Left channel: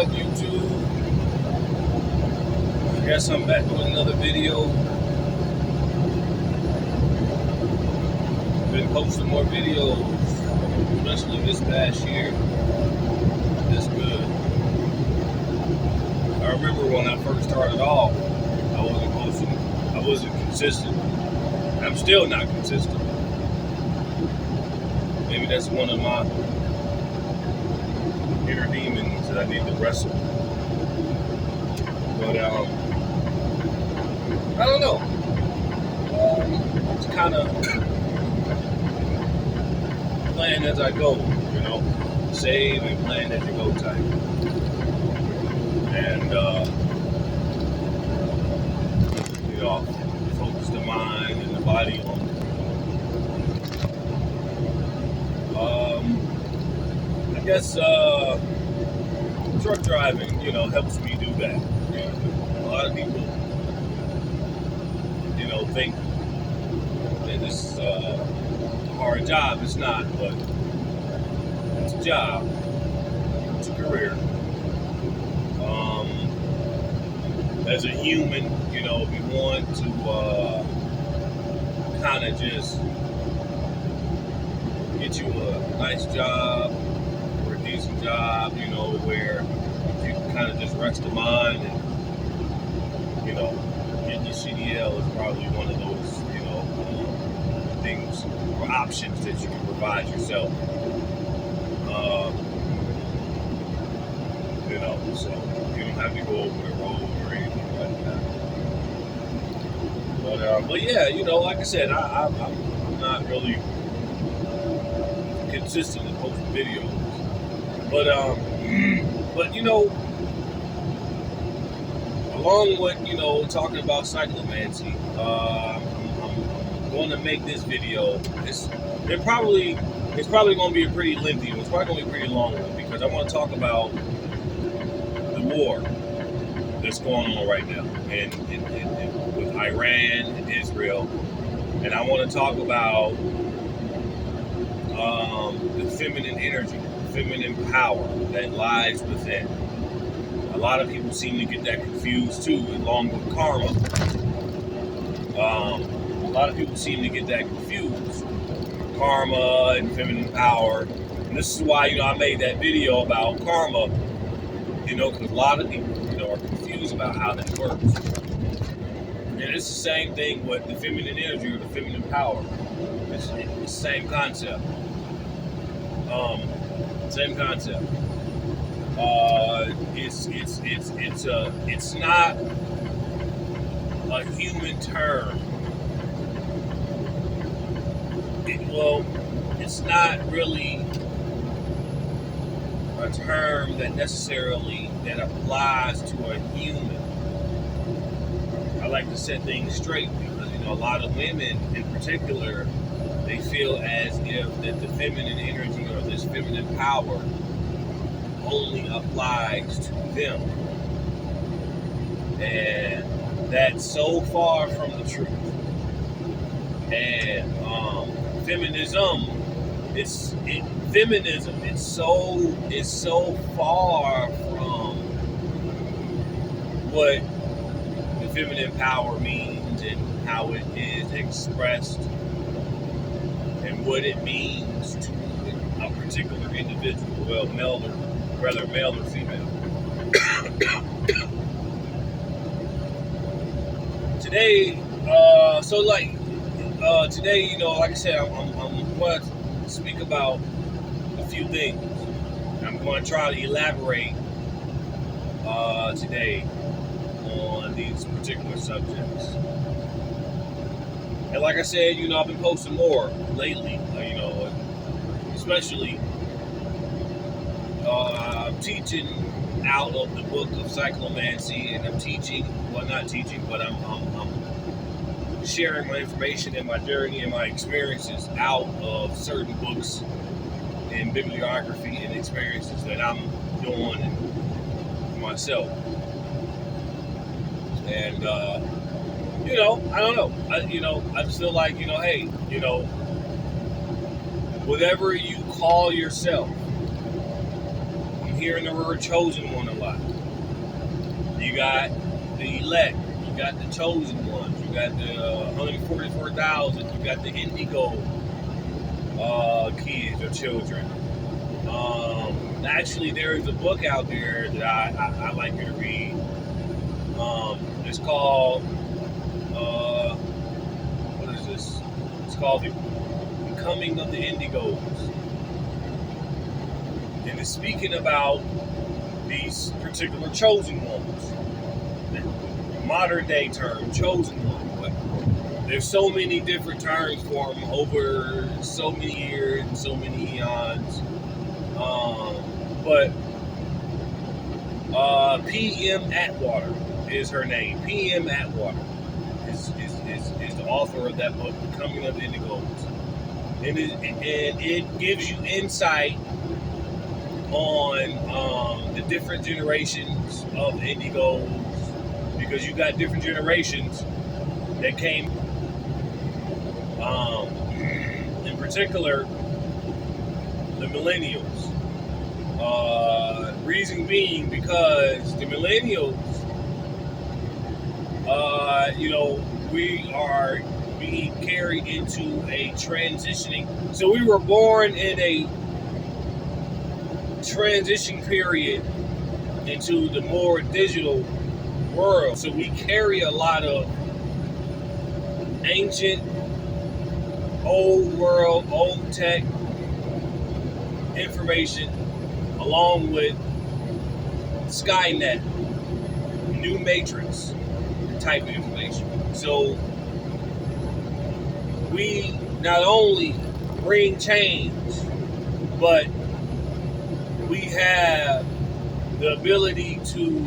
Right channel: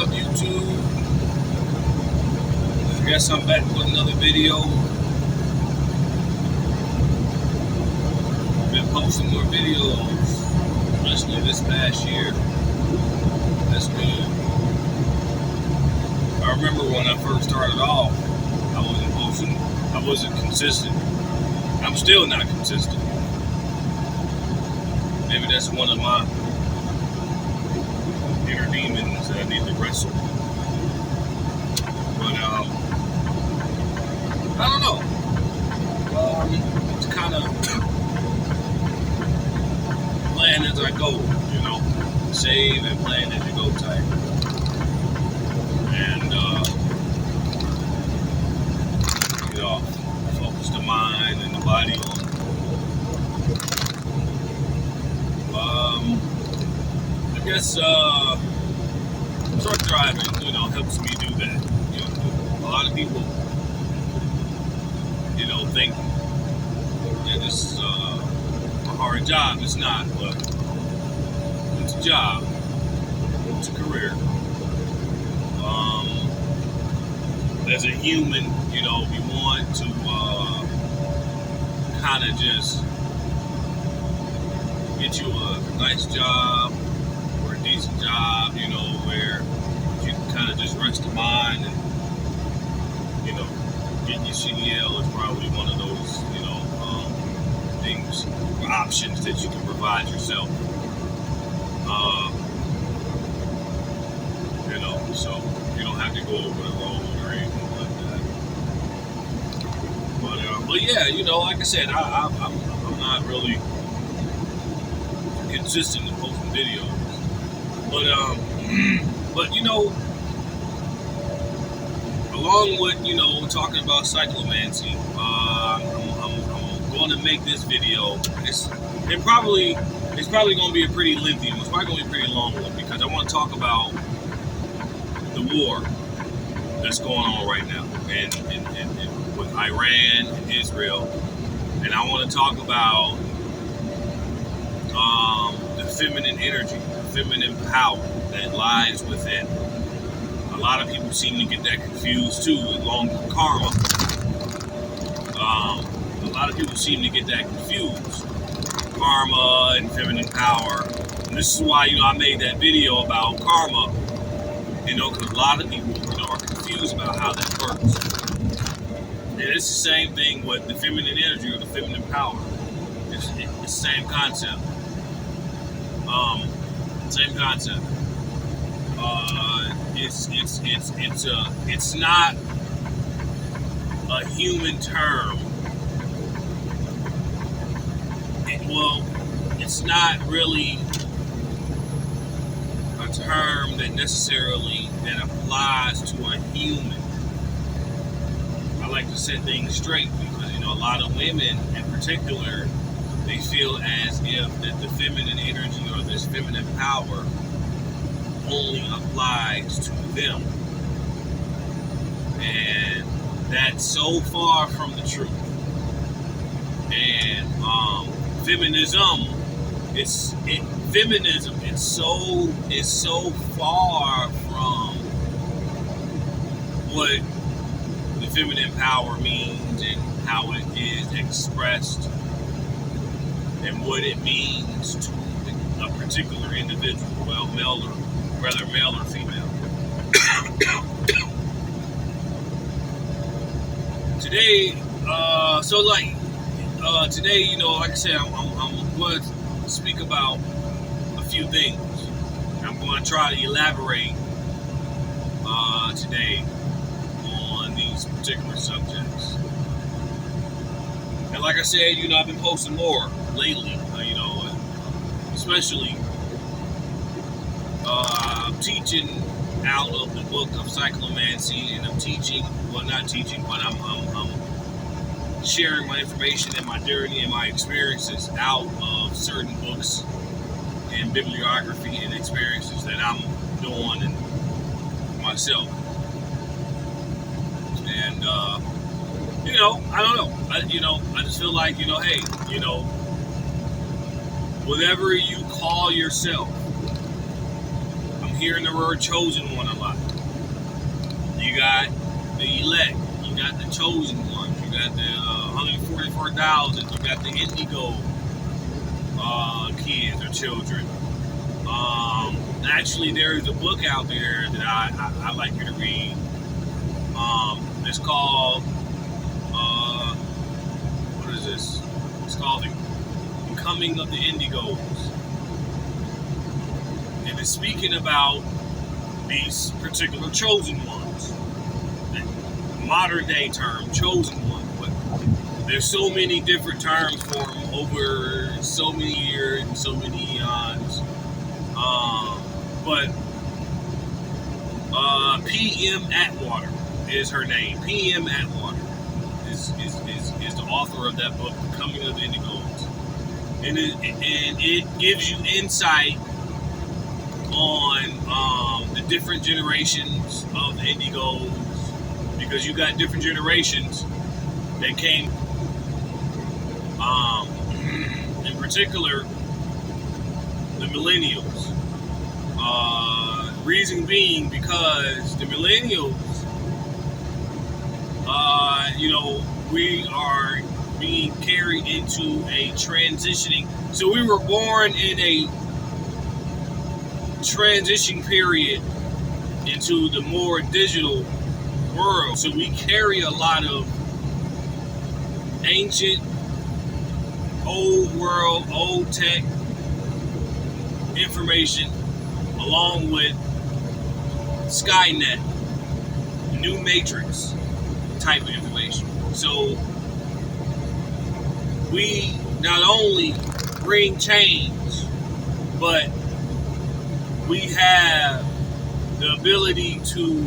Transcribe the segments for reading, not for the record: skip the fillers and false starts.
up, YouTube? I guess I'm back with another video. Been posting more videos, especially this past year. That's good. I remember when I first started off, I wasn't posting, I wasn't consistent. I'm still not consistent. Maybe that's one of my inner demons that I need to wrestle. But I don't know. It's kind of playing as I go, you know, save and playing as you go type. And you know, focus the mind and the body on. I guess truck driving, you know, helps me do that. You know, a lot of people, you know, think that it's a hard job. It's not, but it's a job. It's a career. As a human, you know, we want to kind of just get you a nice job or a decent job, you know, where you can kind of just rest the mind and, you know, getting your CDL is probably one of those, you know, things or options that you can provide yourself. You know, so you don't have to go over the road or anything like that. But yeah, you know, like I said, I'm not really consistent in posting videos, but you know, along with, you know, talking about cyclomancy, I'm going to make this video. It's probably going to be a pretty lengthy one. It's probably going to be a pretty long one because I want to talk about the war that's going on right now and with Iran and Israel, and I want to talk about the feminine energy, feminine power that lies within. A lot of people seem to get that confused too, along with karma. A lot of people seem to get that confused. Karma and feminine power. And this is why, you know, I made that video about karma, you know, because a lot of people, you know, are confused about how that works. And it's the same thing with the feminine energy or the feminine power. It's the same concept. Same concept. It's not a human term. It's not really a term that necessarily that applies to a human. I like to set things straight because, you know, a lot of women in particular, they feel as if that the feminine energy or this feminine power only applies to them. And that's so far from the truth. And feminism, it's so far from what the feminine power means and how it is expressed and what it means to a particular individual, well, male or female. Today, today, you know, like I said, I'm going to speak about a few things. I'm going to try to elaborate today on these particular subjects. And like I said, you know, I've been posting more lately, you know, especially I'm teaching out of the book of Cyclomancy, and I'm teaching, well, not teaching, but I'm sharing my information and my journey and my experiences out of certain books and bibliography and experiences that I'm doing and myself. And you know, I don't know. I just feel like, you know, hey, you know, whatever you call yourself, I'm hearing the word chosen one a lot. You got the elect. You got the chosen ones. You got the 144,000. You got the INDIGO kids or children. Actually, there's a book out there that I like you to read. It's called, what is this? It's called The Coming of the INDIGOs. And it's speaking about these particular chosen ones. Modern day term, chosen one. But there's so many different terms for them over so many years and so many eons. But P.M. Atwater is her name. P.M. Atwater is the author of that book, The Coming of the INDIGOs. And it gives you insight on the different generations of the INDIGOs, because you got different generations that came. In particular, the Millennials. Reason being because the Millennials, we are being carried into a transitioning. So we were born in a transition period into the more digital world. So we carry a lot of ancient, old world, old tech information along with Skynet, new Matrix type of information. So we not only bring change, but we have the ability to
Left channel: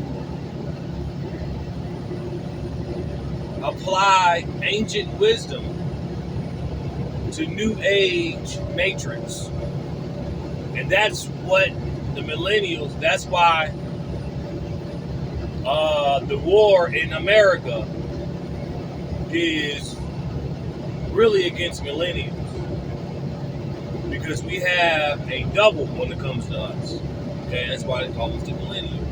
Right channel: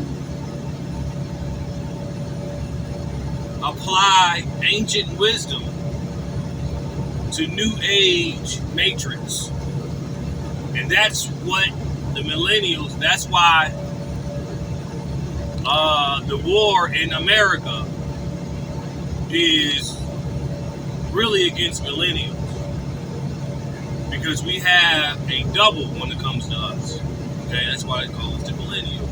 apply ancient wisdom to new age matrix. And that's what the millennials, that's why the war in America is really against millennials, because we have a double when it comes to us. Okay, that's why they call us the millennials.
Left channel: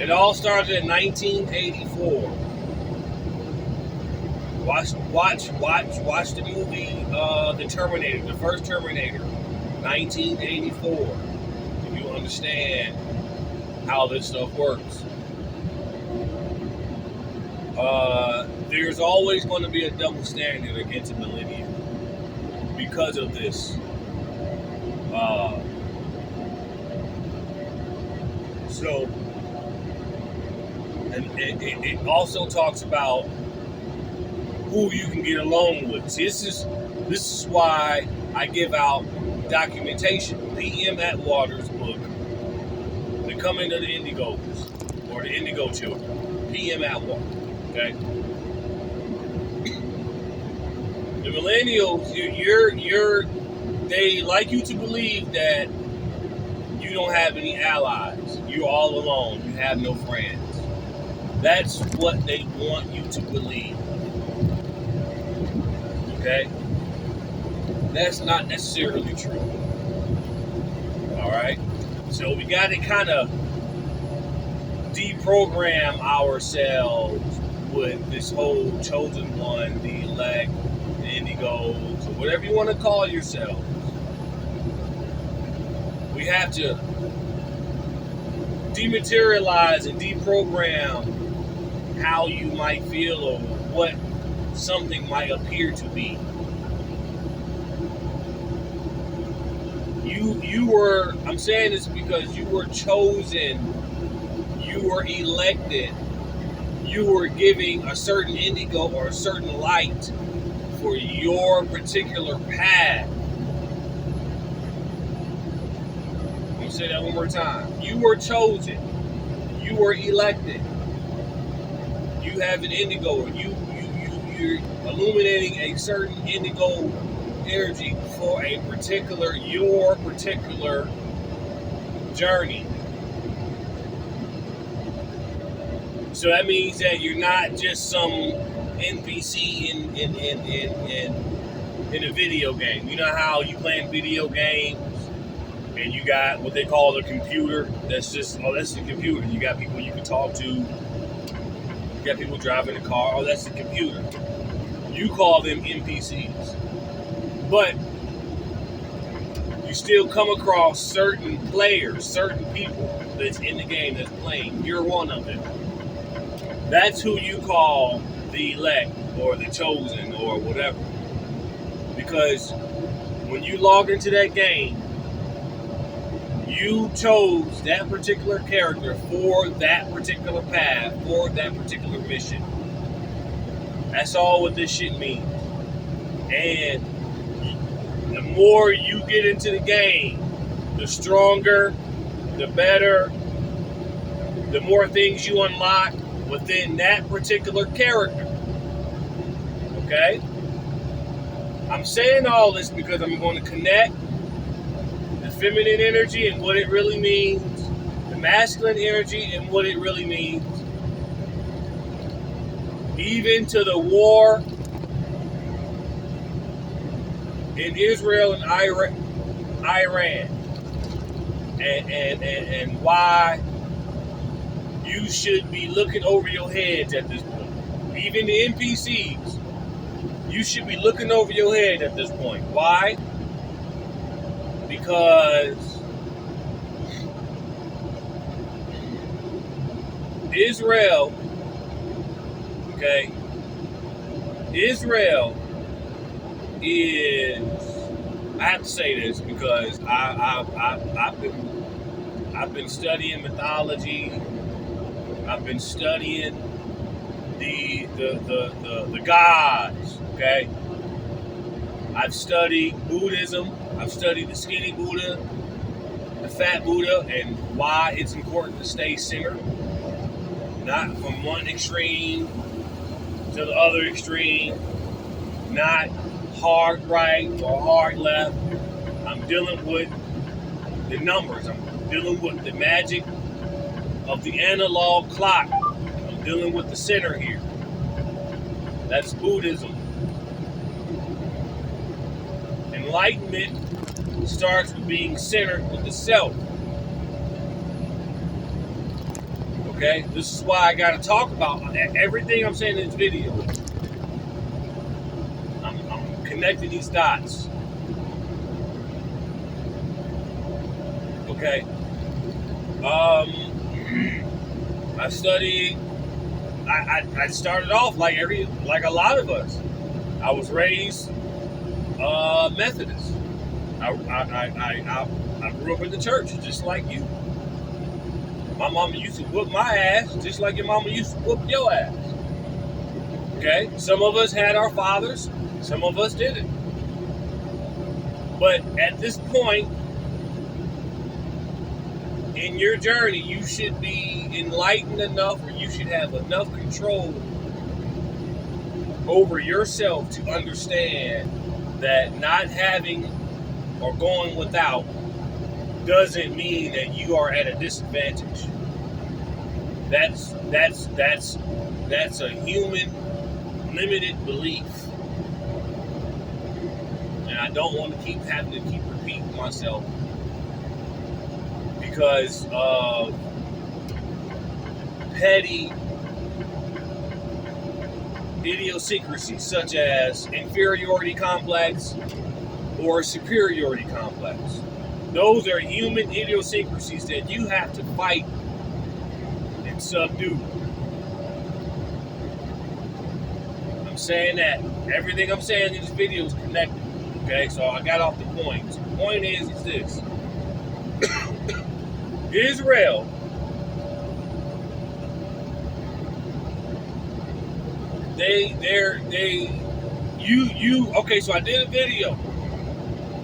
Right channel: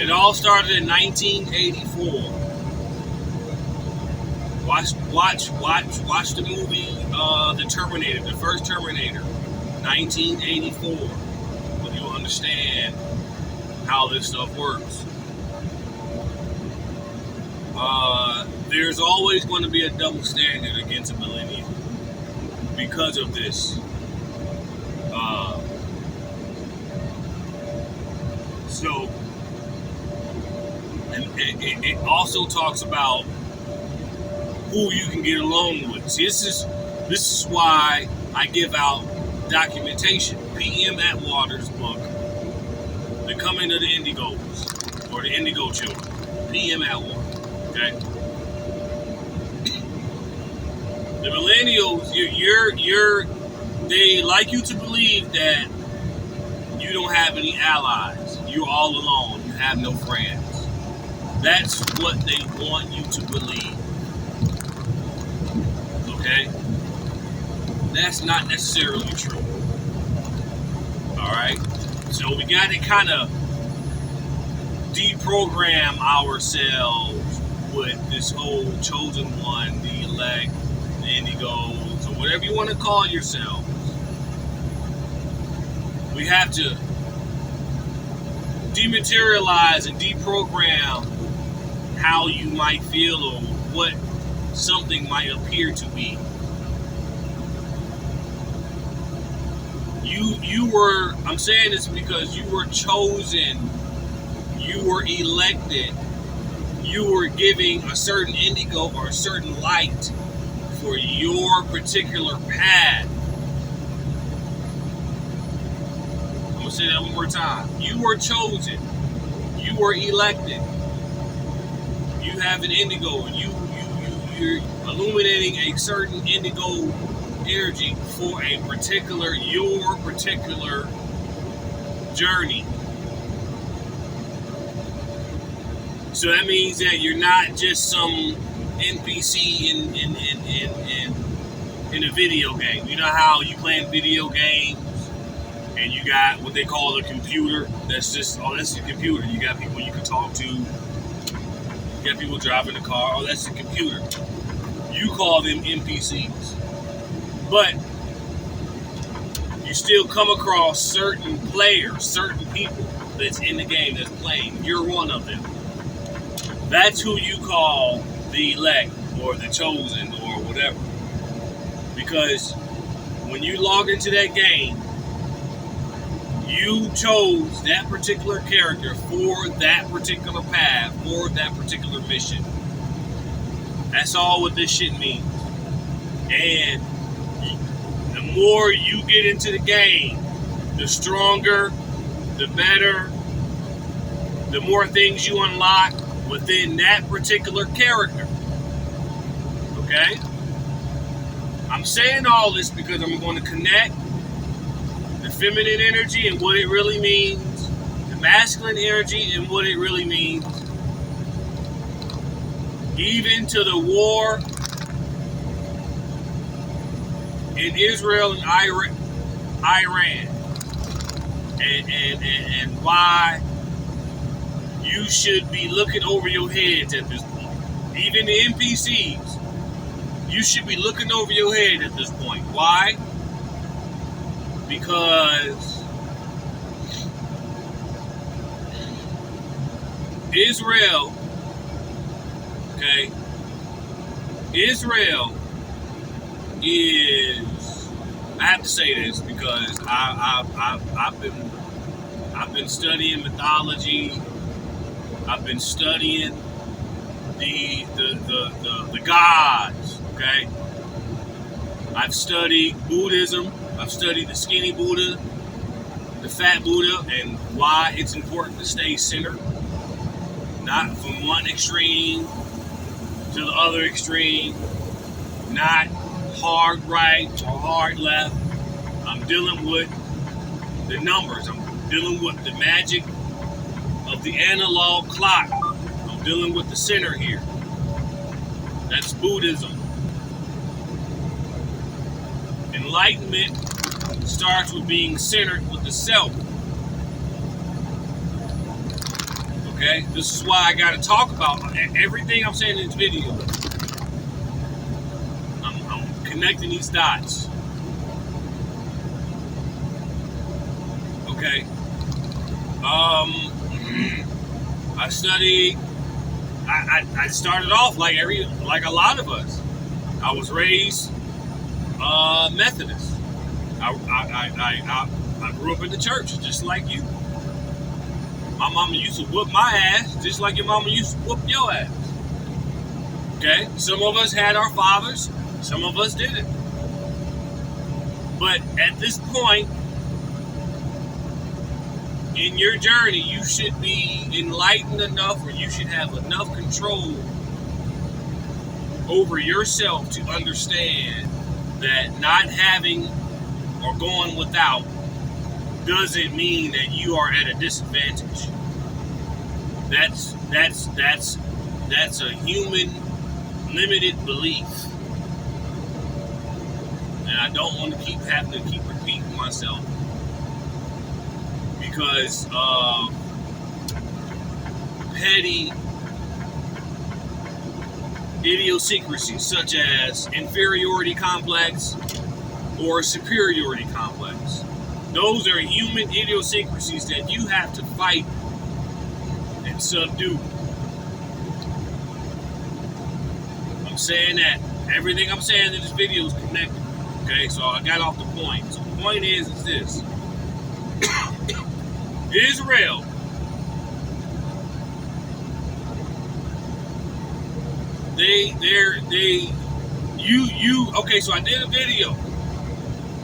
It all started in 1984. Watch the movie The Terminator, the first Terminator, 1984, when you understand how this stuff works. There's always going to be a double standard against a millennial because of this. And it also talks about who you can get along with. See, this is why I give out documentation. P.M. Atwater's book, The Coming of the INDIGOs, or the Indigo Children. P.M. Atwater. Okay. The millennials, they like you to believe that you don't have any allies. You're all alone. You have no friends. That's what they want you to believe. Okay? That's not necessarily true. Alright? So we got to kind of deprogram ourselves with this whole chosen one, the elect, the indigos, or whatever you want to call yourselves. We have to dematerialize and deprogram how you might feel or what something might appear to be. I'm saying this because you were chosen, you were elected, you were giving a certain indigo or a certain light for your particular path. I'm going to say that one more time. You were chosen, you were elected, you have an indigo, you're illuminating a certain indigo energy for your particular journey. So that means that you're not just some NPC in a video game. You know how you playing video games And you got what they call a computer. That's just, oh, that's a computer. You got people you can talk to. You got people driving a car. Oh, that's a computer. You call them NPCs. But you still come across certain players, certain people that's in the game that's playing. You're one of them. That's who you call the elect or the chosen or whatever. Because when you log into that game, you chose that particular character for that particular path, for that particular mission. That's all what this shit means. And the more you get into the game, the stronger, the better, the more things you unlock within that particular character. Okay? I'm saying all this because I'm going to connect the feminine energy and what it really means, the masculine energy and what it really means, even to the war in Israel and Iran, and why you should be looking over your heads at this point. Even the NPCs, you should be looking over your head at this point. Why? Because Israel, okay, Israel is, I have to say this because I've been studying mythology. I've been studying the gods, okay? I've studied Buddhism. I've studied the skinny Buddha, the fat Buddha, and why it's important to stay centered. Not from one extreme to the other extreme. Not hard right or hard left. I'm dealing with the numbers. I'm dealing with the magic of the analog clock. I'm dealing with the center here. That's Buddhism. Enlightenment starts with being centered with the self. Okay? This is why I got to talk about everything I'm saying in this video. I'm connecting these dots. Okay? I studied. I started off like a lot of us. I was raised Methodist. I grew up in the church just like you. My mama used to whoop my ass just like your mama used to whoop your ass. Okay? Some of us had our fathers, some of us didn't. But at this point in your journey, you should be enlightened enough, or you should have enough control over yourself to understand that not having or going without doesn't mean that you are at a disadvantage. That's a human limited belief. And I don't want to keep repeating myself because of petty idiosyncrasies such as inferiority complex or superiority complex. Those are human idiosyncrasies that you have to fight and subdue. I'm saying that everything I'm saying in this video is connected. Okay, so I got off the point. So the point is this. Israel okay, so I did a video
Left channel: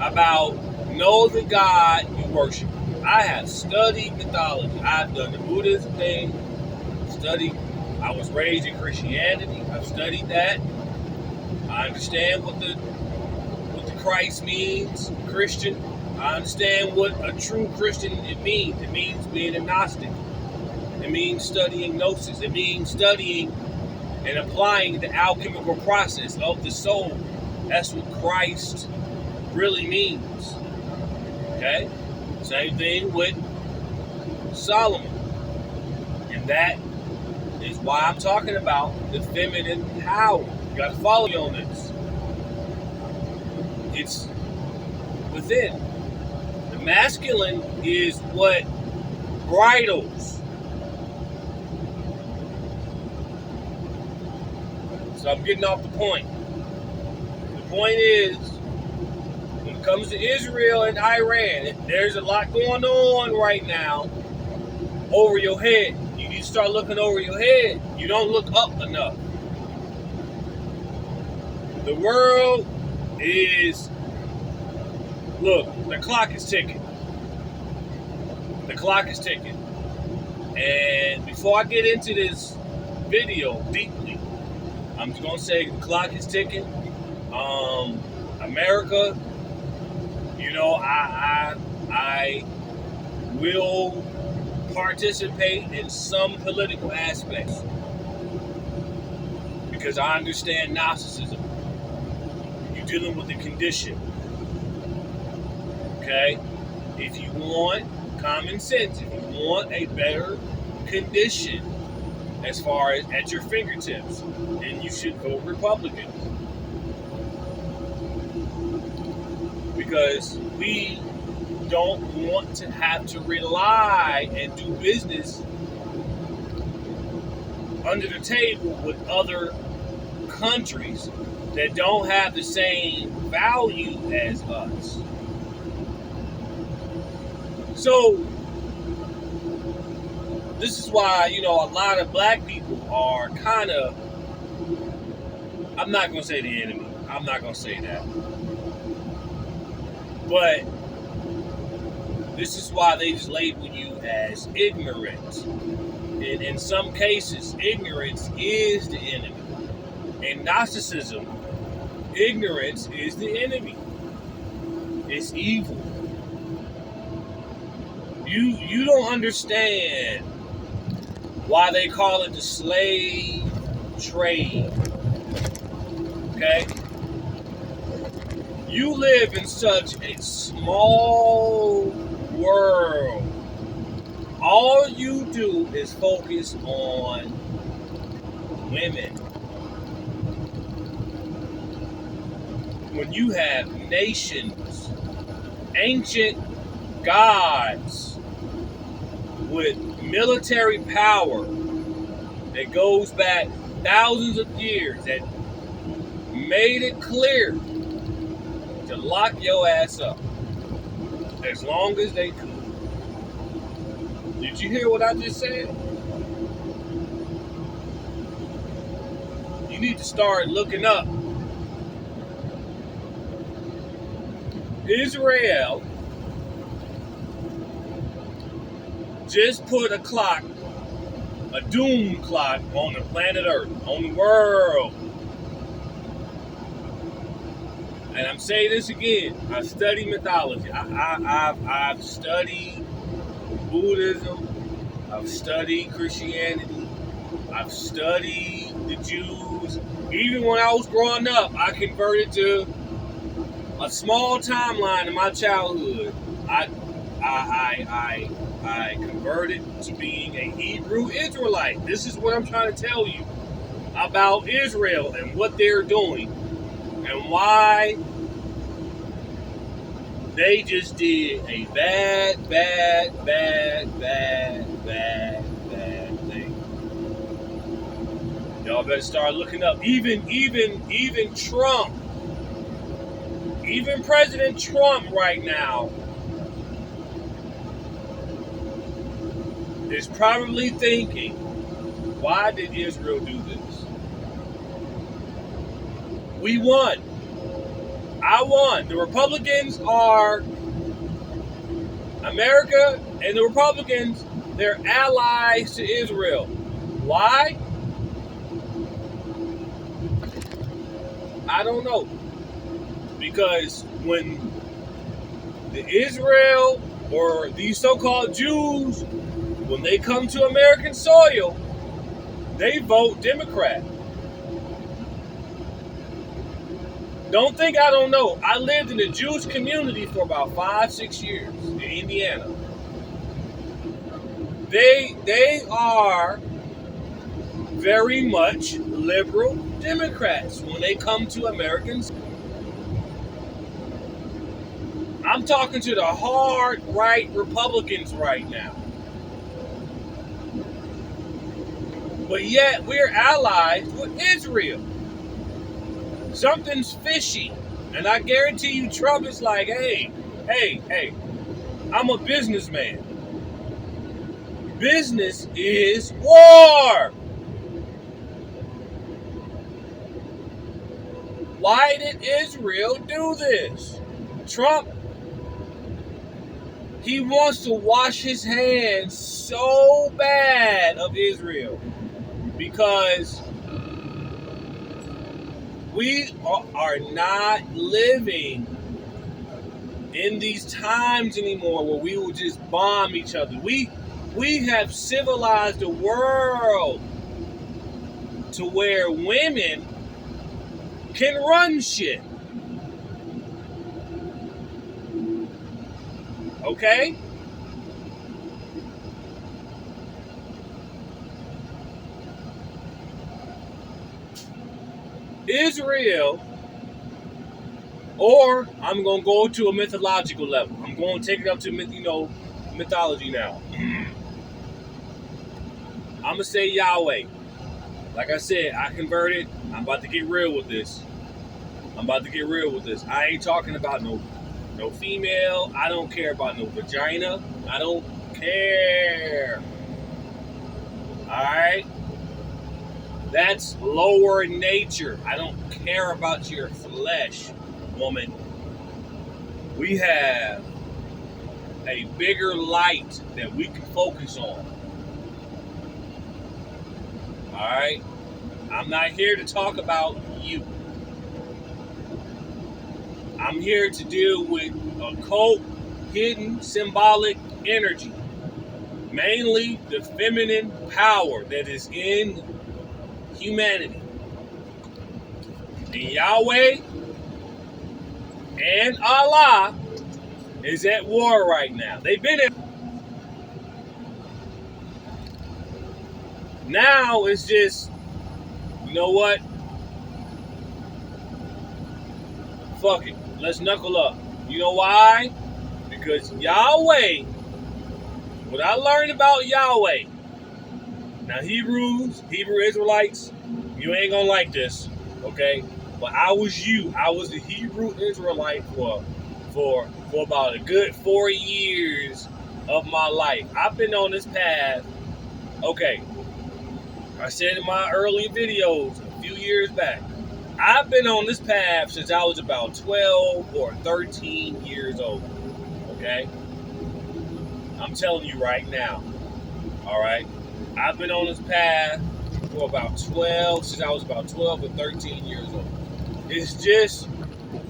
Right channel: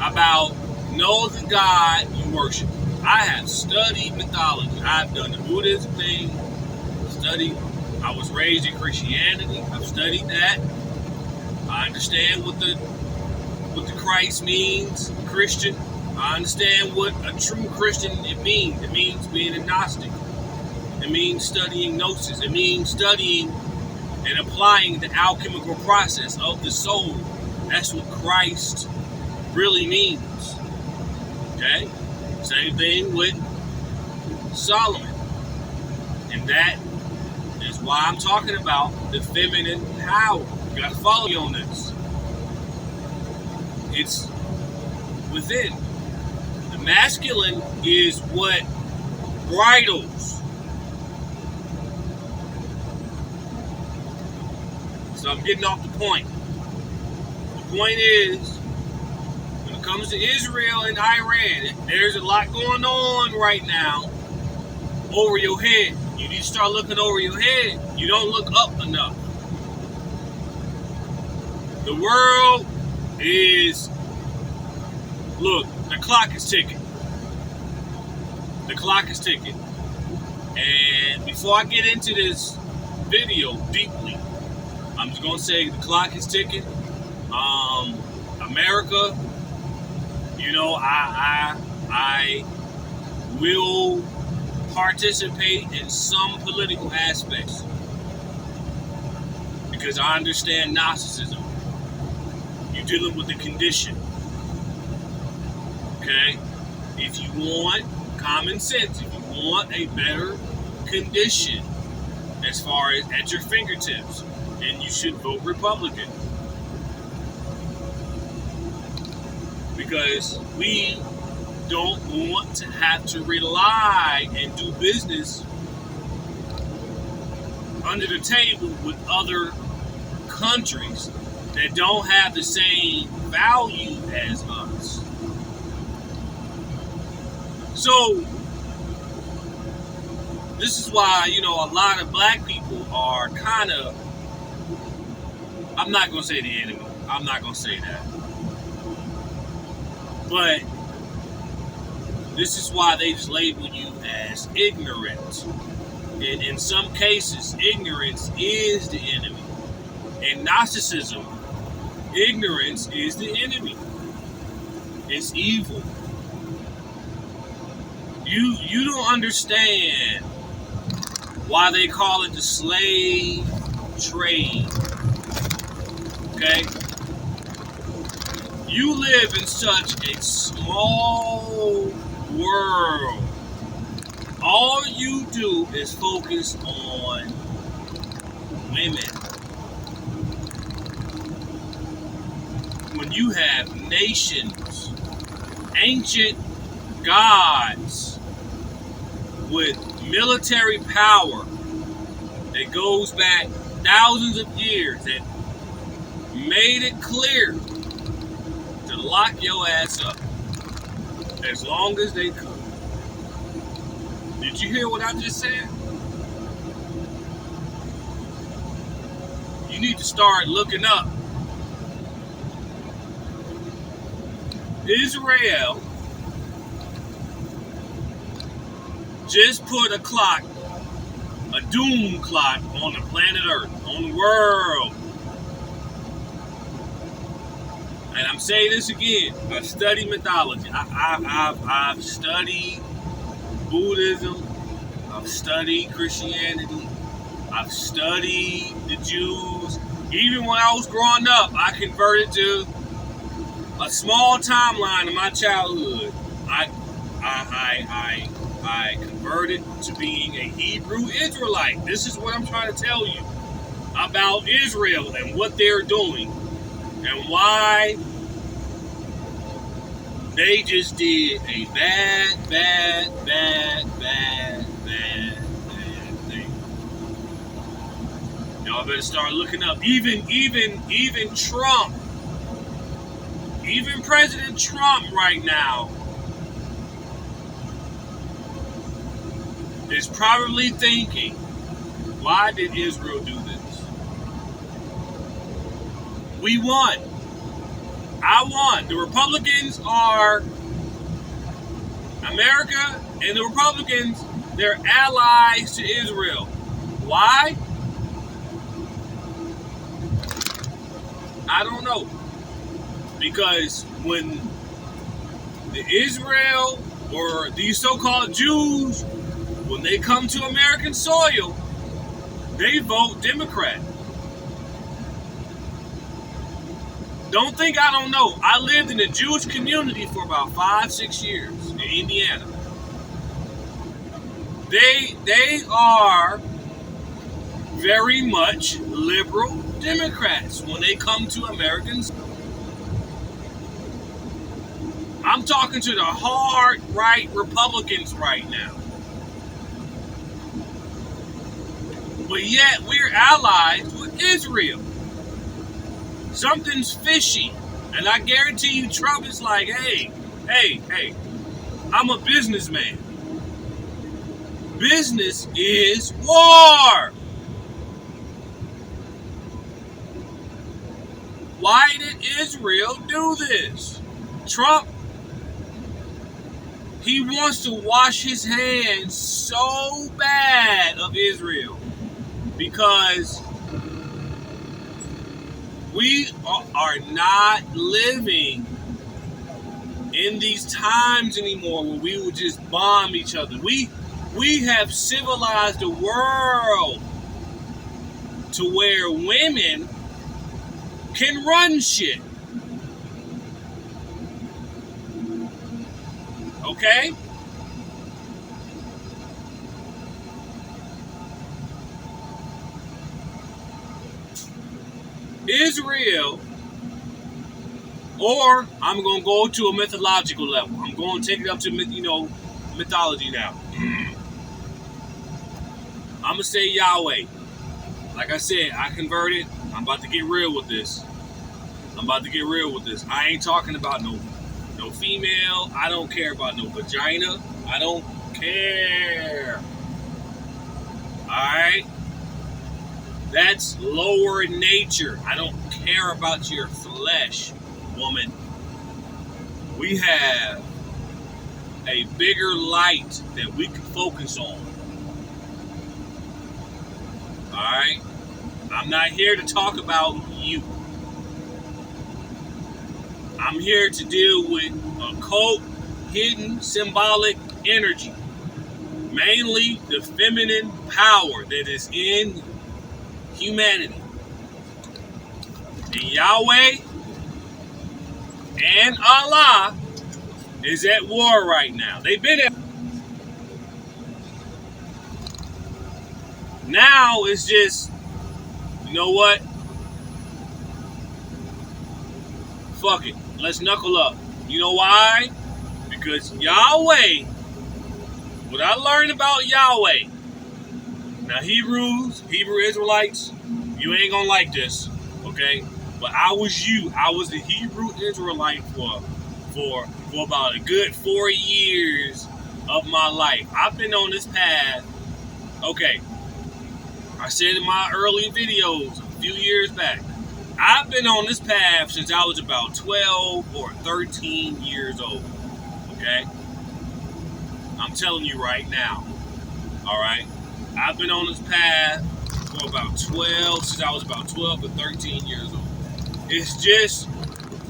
about know the God you worship. I have studied mythology. I've done the Buddhism thing, I was raised in Christianity. I've studied that. I understand what the Christ means, Christian. I understand what a true Christian it means. It means being a Gnostic. It means studying gnosis. It means studying and applying the alchemical process of the soul. That's what Christ really means. Okay? Same thing with Solomon. And that is why I'm talking about the feminine power. You got to follow me on this. It's within. The masculine is what bridles. So I'm getting off the point. The point is, when it comes to Israel and Iran, there's a lot going on right now over your head. You need to start looking over your head. You don't look up enough. The world is, look, the clock is ticking. The clock is ticking. And before I get into this video deeply, I'm just going to say the clock is ticking. America, you know, I will participate in some political aspects because I understand Gnosticism. You're dealing with the condition. Okay? If you want common sense, if you want a better condition as far as at your fingertips, then you should vote Republican. Because we don't want to have to rely and do business under the table with other countries that don't have the same value as us. So, this is why, you know, a lot of black people are kind of, I'm not going to say the enemy. I'm not going to say that. But this is why they just label you as ignorant. And in some cases, ignorance is the enemy. In Gnosticism, ignorance is the enemy. It's evil. You don't understand why they call it the slave trade. Okay? You live in such a small world. All you do is focus on women. When you have nations, ancient gods with military power that goes back thousands of years that made it clear to lock your ass up as long as they could. Did you hear what I just said? You need to start looking up. Israel just put a clock, a doom clock on the planet Earth, on the world. And I'm saying this again, I study mythology. I've studied Buddhism. I've studied Christianity. I've studied the Jews. Even when I was growing up, I converted to a small timeline in my childhood. I converted to being a Hebrew Israelite. This is what I'm trying to tell you about Israel and what they're doing and why they just did a bad thing. Y'all better start looking up. Even Trump, even President Trump right now is probably thinking, why did Israel do this? We won. I won. The Republicans are America, and the Republicans, they're allies to Israel. Why? I don't know. Because when the Israel or these so-called Jews, when they come to American soil, they vote Democrat. Don't think I don't know. I lived in a Jewish community for about 5-6 years in Indiana. They are very much liberal Democrats when they come to Americans. I'm talking to the hard right Republicans right now. But yet we're allies with Israel. Something's fishy. And I guarantee you Trump is like, hey, I'm a businessman. Business is war. Why did Israel do this? Trump, he wants to wash his hands so bad of Israel because we are not living in these times anymore where we will just bomb each other. We have civilized the world to where women can run shit. Okay? Israel, or I'm going to go to a mythological level. I'm going to take it up to mythology now. I'm going to say Yahweh. Like I said, I converted. I'm about to get real with this. I ain't talking about no female. I don't care about no vagina. I don't care. Alright? That's lower nature. I don't care about your flesh, woman. We have a bigger light that we can focus on. Alright? I'm not here to talk about you. I'm here to deal with occult, hidden, symbolic energy. Mainly the feminine power that is in humanity. And Yahweh and Allah is at war right now. They've been at. Now it's just, you know what? Fuck it. Let's knuckle up. You know why? Because Yahweh, what I learned about Yahweh, now Hebrew Israelites, you ain't gonna like this, okay? But I was the Hebrew Israelite for about a good 4 years of my life. I've been on this path, okay. I said in my early videos a few years back, I've been on this path since I was about 12 or 13 years old, okay? I'm telling you right now, all right? I've been on this path for since I was about 12 or 13 years old. It's just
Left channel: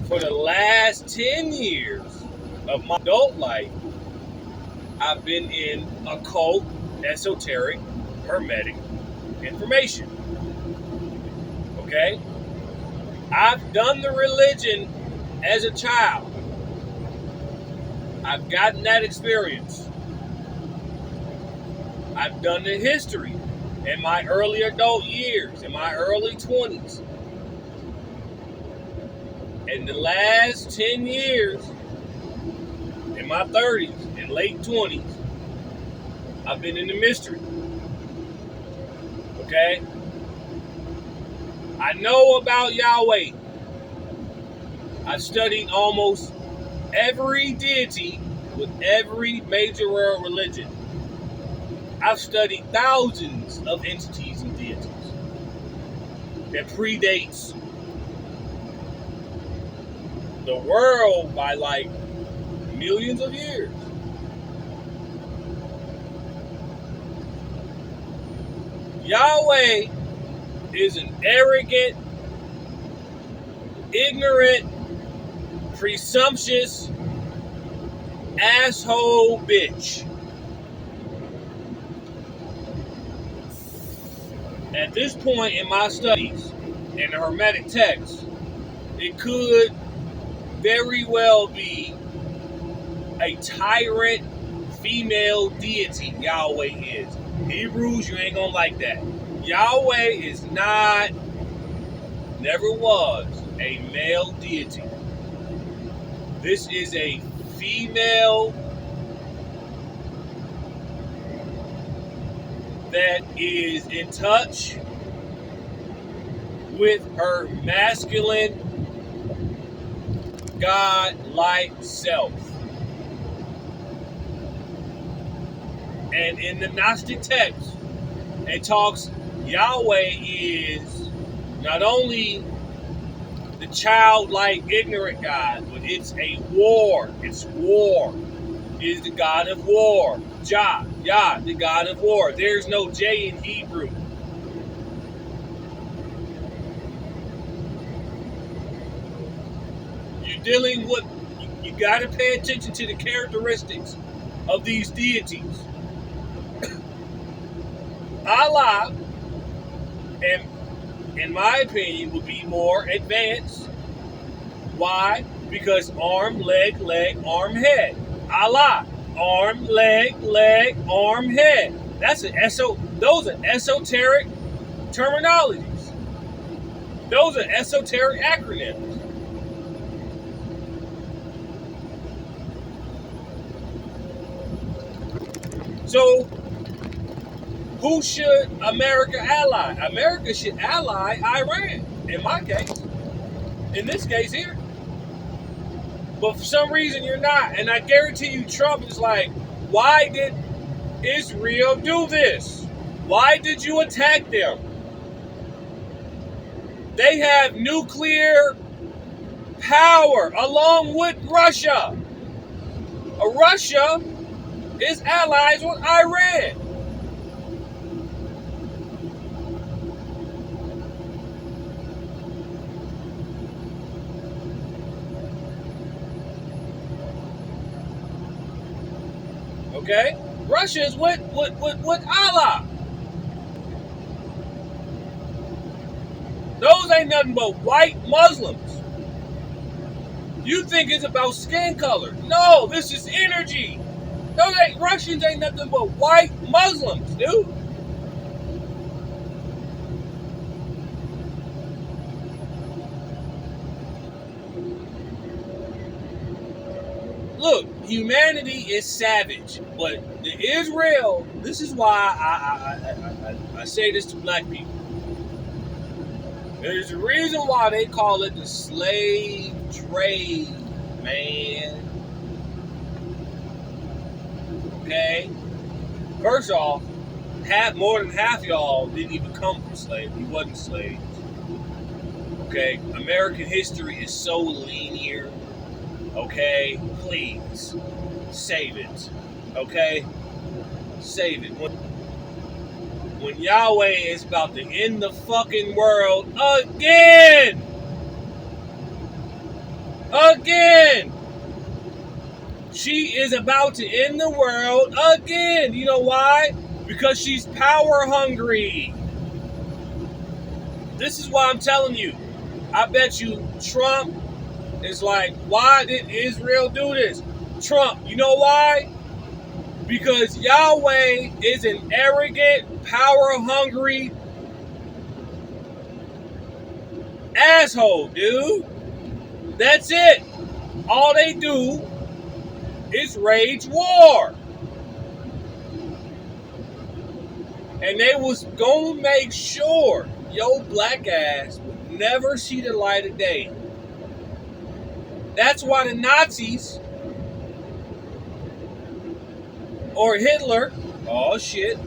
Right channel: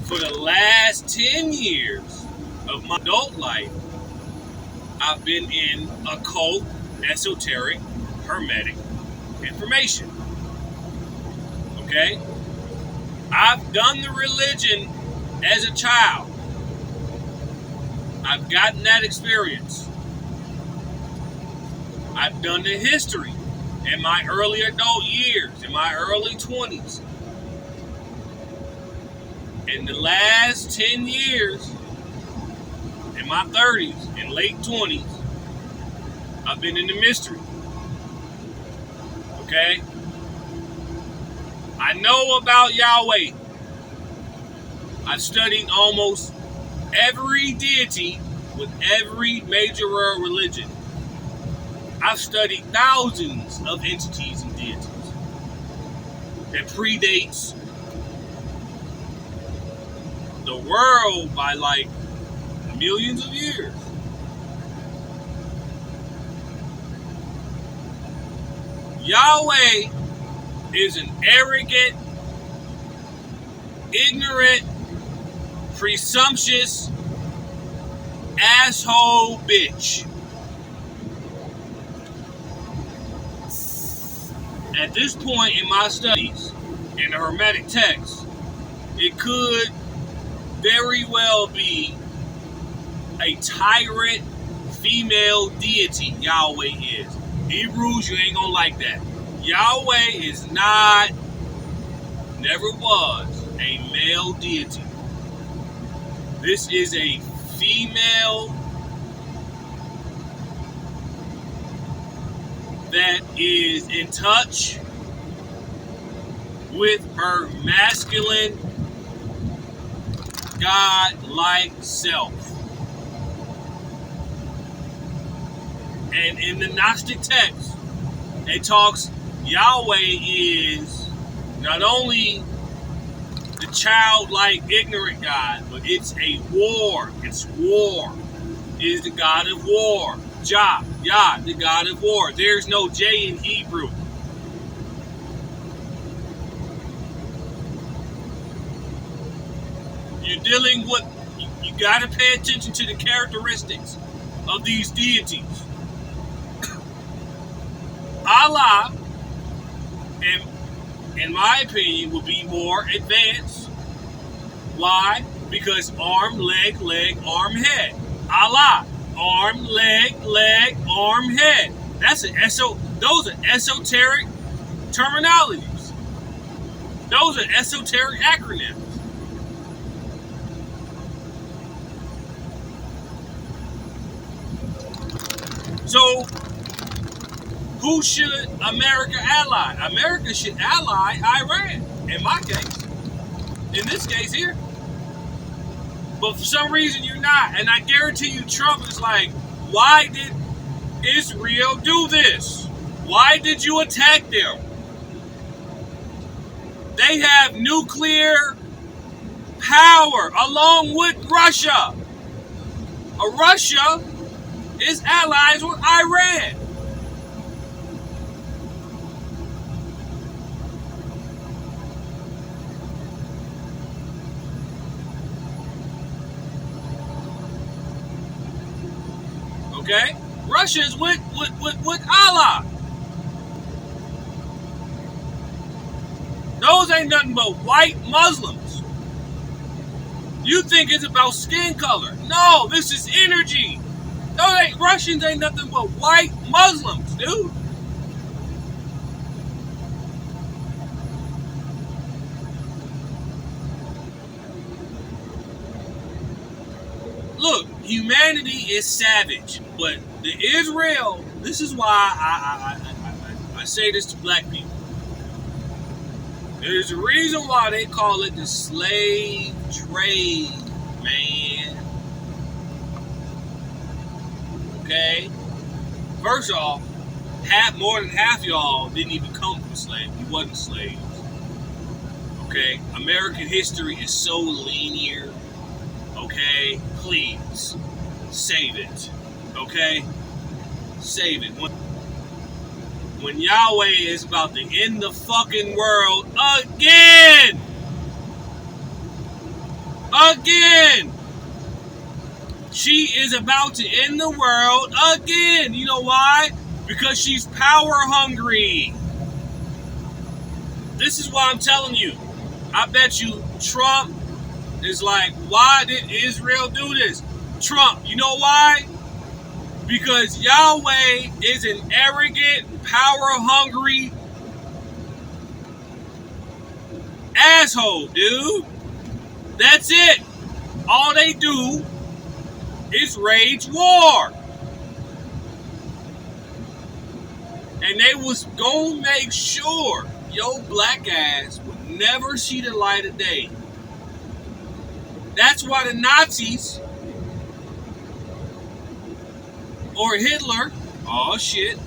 for the last 10 years of my adult life, I've been in occult, esoteric, hermetic information, okay? I've done the religion as a child. I've gotten that experience. I've done the history in my early adult years, in my early 20s. In the last 10 years, in my 30s and late 20s, I've been in the mystery. Okay? I know about Yahweh. I've studied almost every deity with every major world religion. I've studied thousands of entities and deities that predates the world by like millions of years. Yahweh is an arrogant, ignorant, presumptuous asshole bitch. At this point in my studies in the Hermetic text, it could very well be a tyrant female deity. Yahweh is. Hebrews, you ain't gonna like that. Yahweh is not, never was, a male deity. This is a female that is in touch with her masculine, God-like self. And in the Gnostic text, it talks, Yahweh is not only the childlike, ignorant God, but it's a war. It's war. It is the God of war. Yah, the God of war. There's no J in Hebrew. You're dealing with, you got to pay attention to the characteristics of these deities. Allah, and in my opinion, would be more advanced. Why? Because arm, leg, arm, head. Allah, arm, leg, arm, head. Those are esoteric terminologies. Those are esoteric acronyms. So, who should America ally? America should ally Iran, in my case. In this case here. But for some reason you're not. And I guarantee you Trump is like, why did Israel do this? Why did you attack them? They have nuclear power along with Russia. Russia is allies with Iran. Okay? Russia is with Allah. Those ain't nothing but white Muslims. You think it's about skin color. No, this is energy. Russians ain't nothing but white Muslims, dude. Look, humanity is savage, but the Israel, this is why I say this to black people. There's a reason why they call it the slave trade, man. Okay? First off, more than half y'all didn't even come from slaves. You wasn't slaves. Okay? American history is so linear. Okay? Please, save it. Okay? Save it. When Yahweh is about to end the fucking world again! Again! She is about to end the world again. You know why? Because she's power hungry. This is why I'm telling you. I bet you Trump is like, why did Israel do this? Trump, you know why? Because Yahweh is an arrogant, power-hungry asshole, dude. That's it. All they do is wage war. And they was gonna make sure your black ass would never see the light of day. That's why the Nazis or Hitler, oh shit,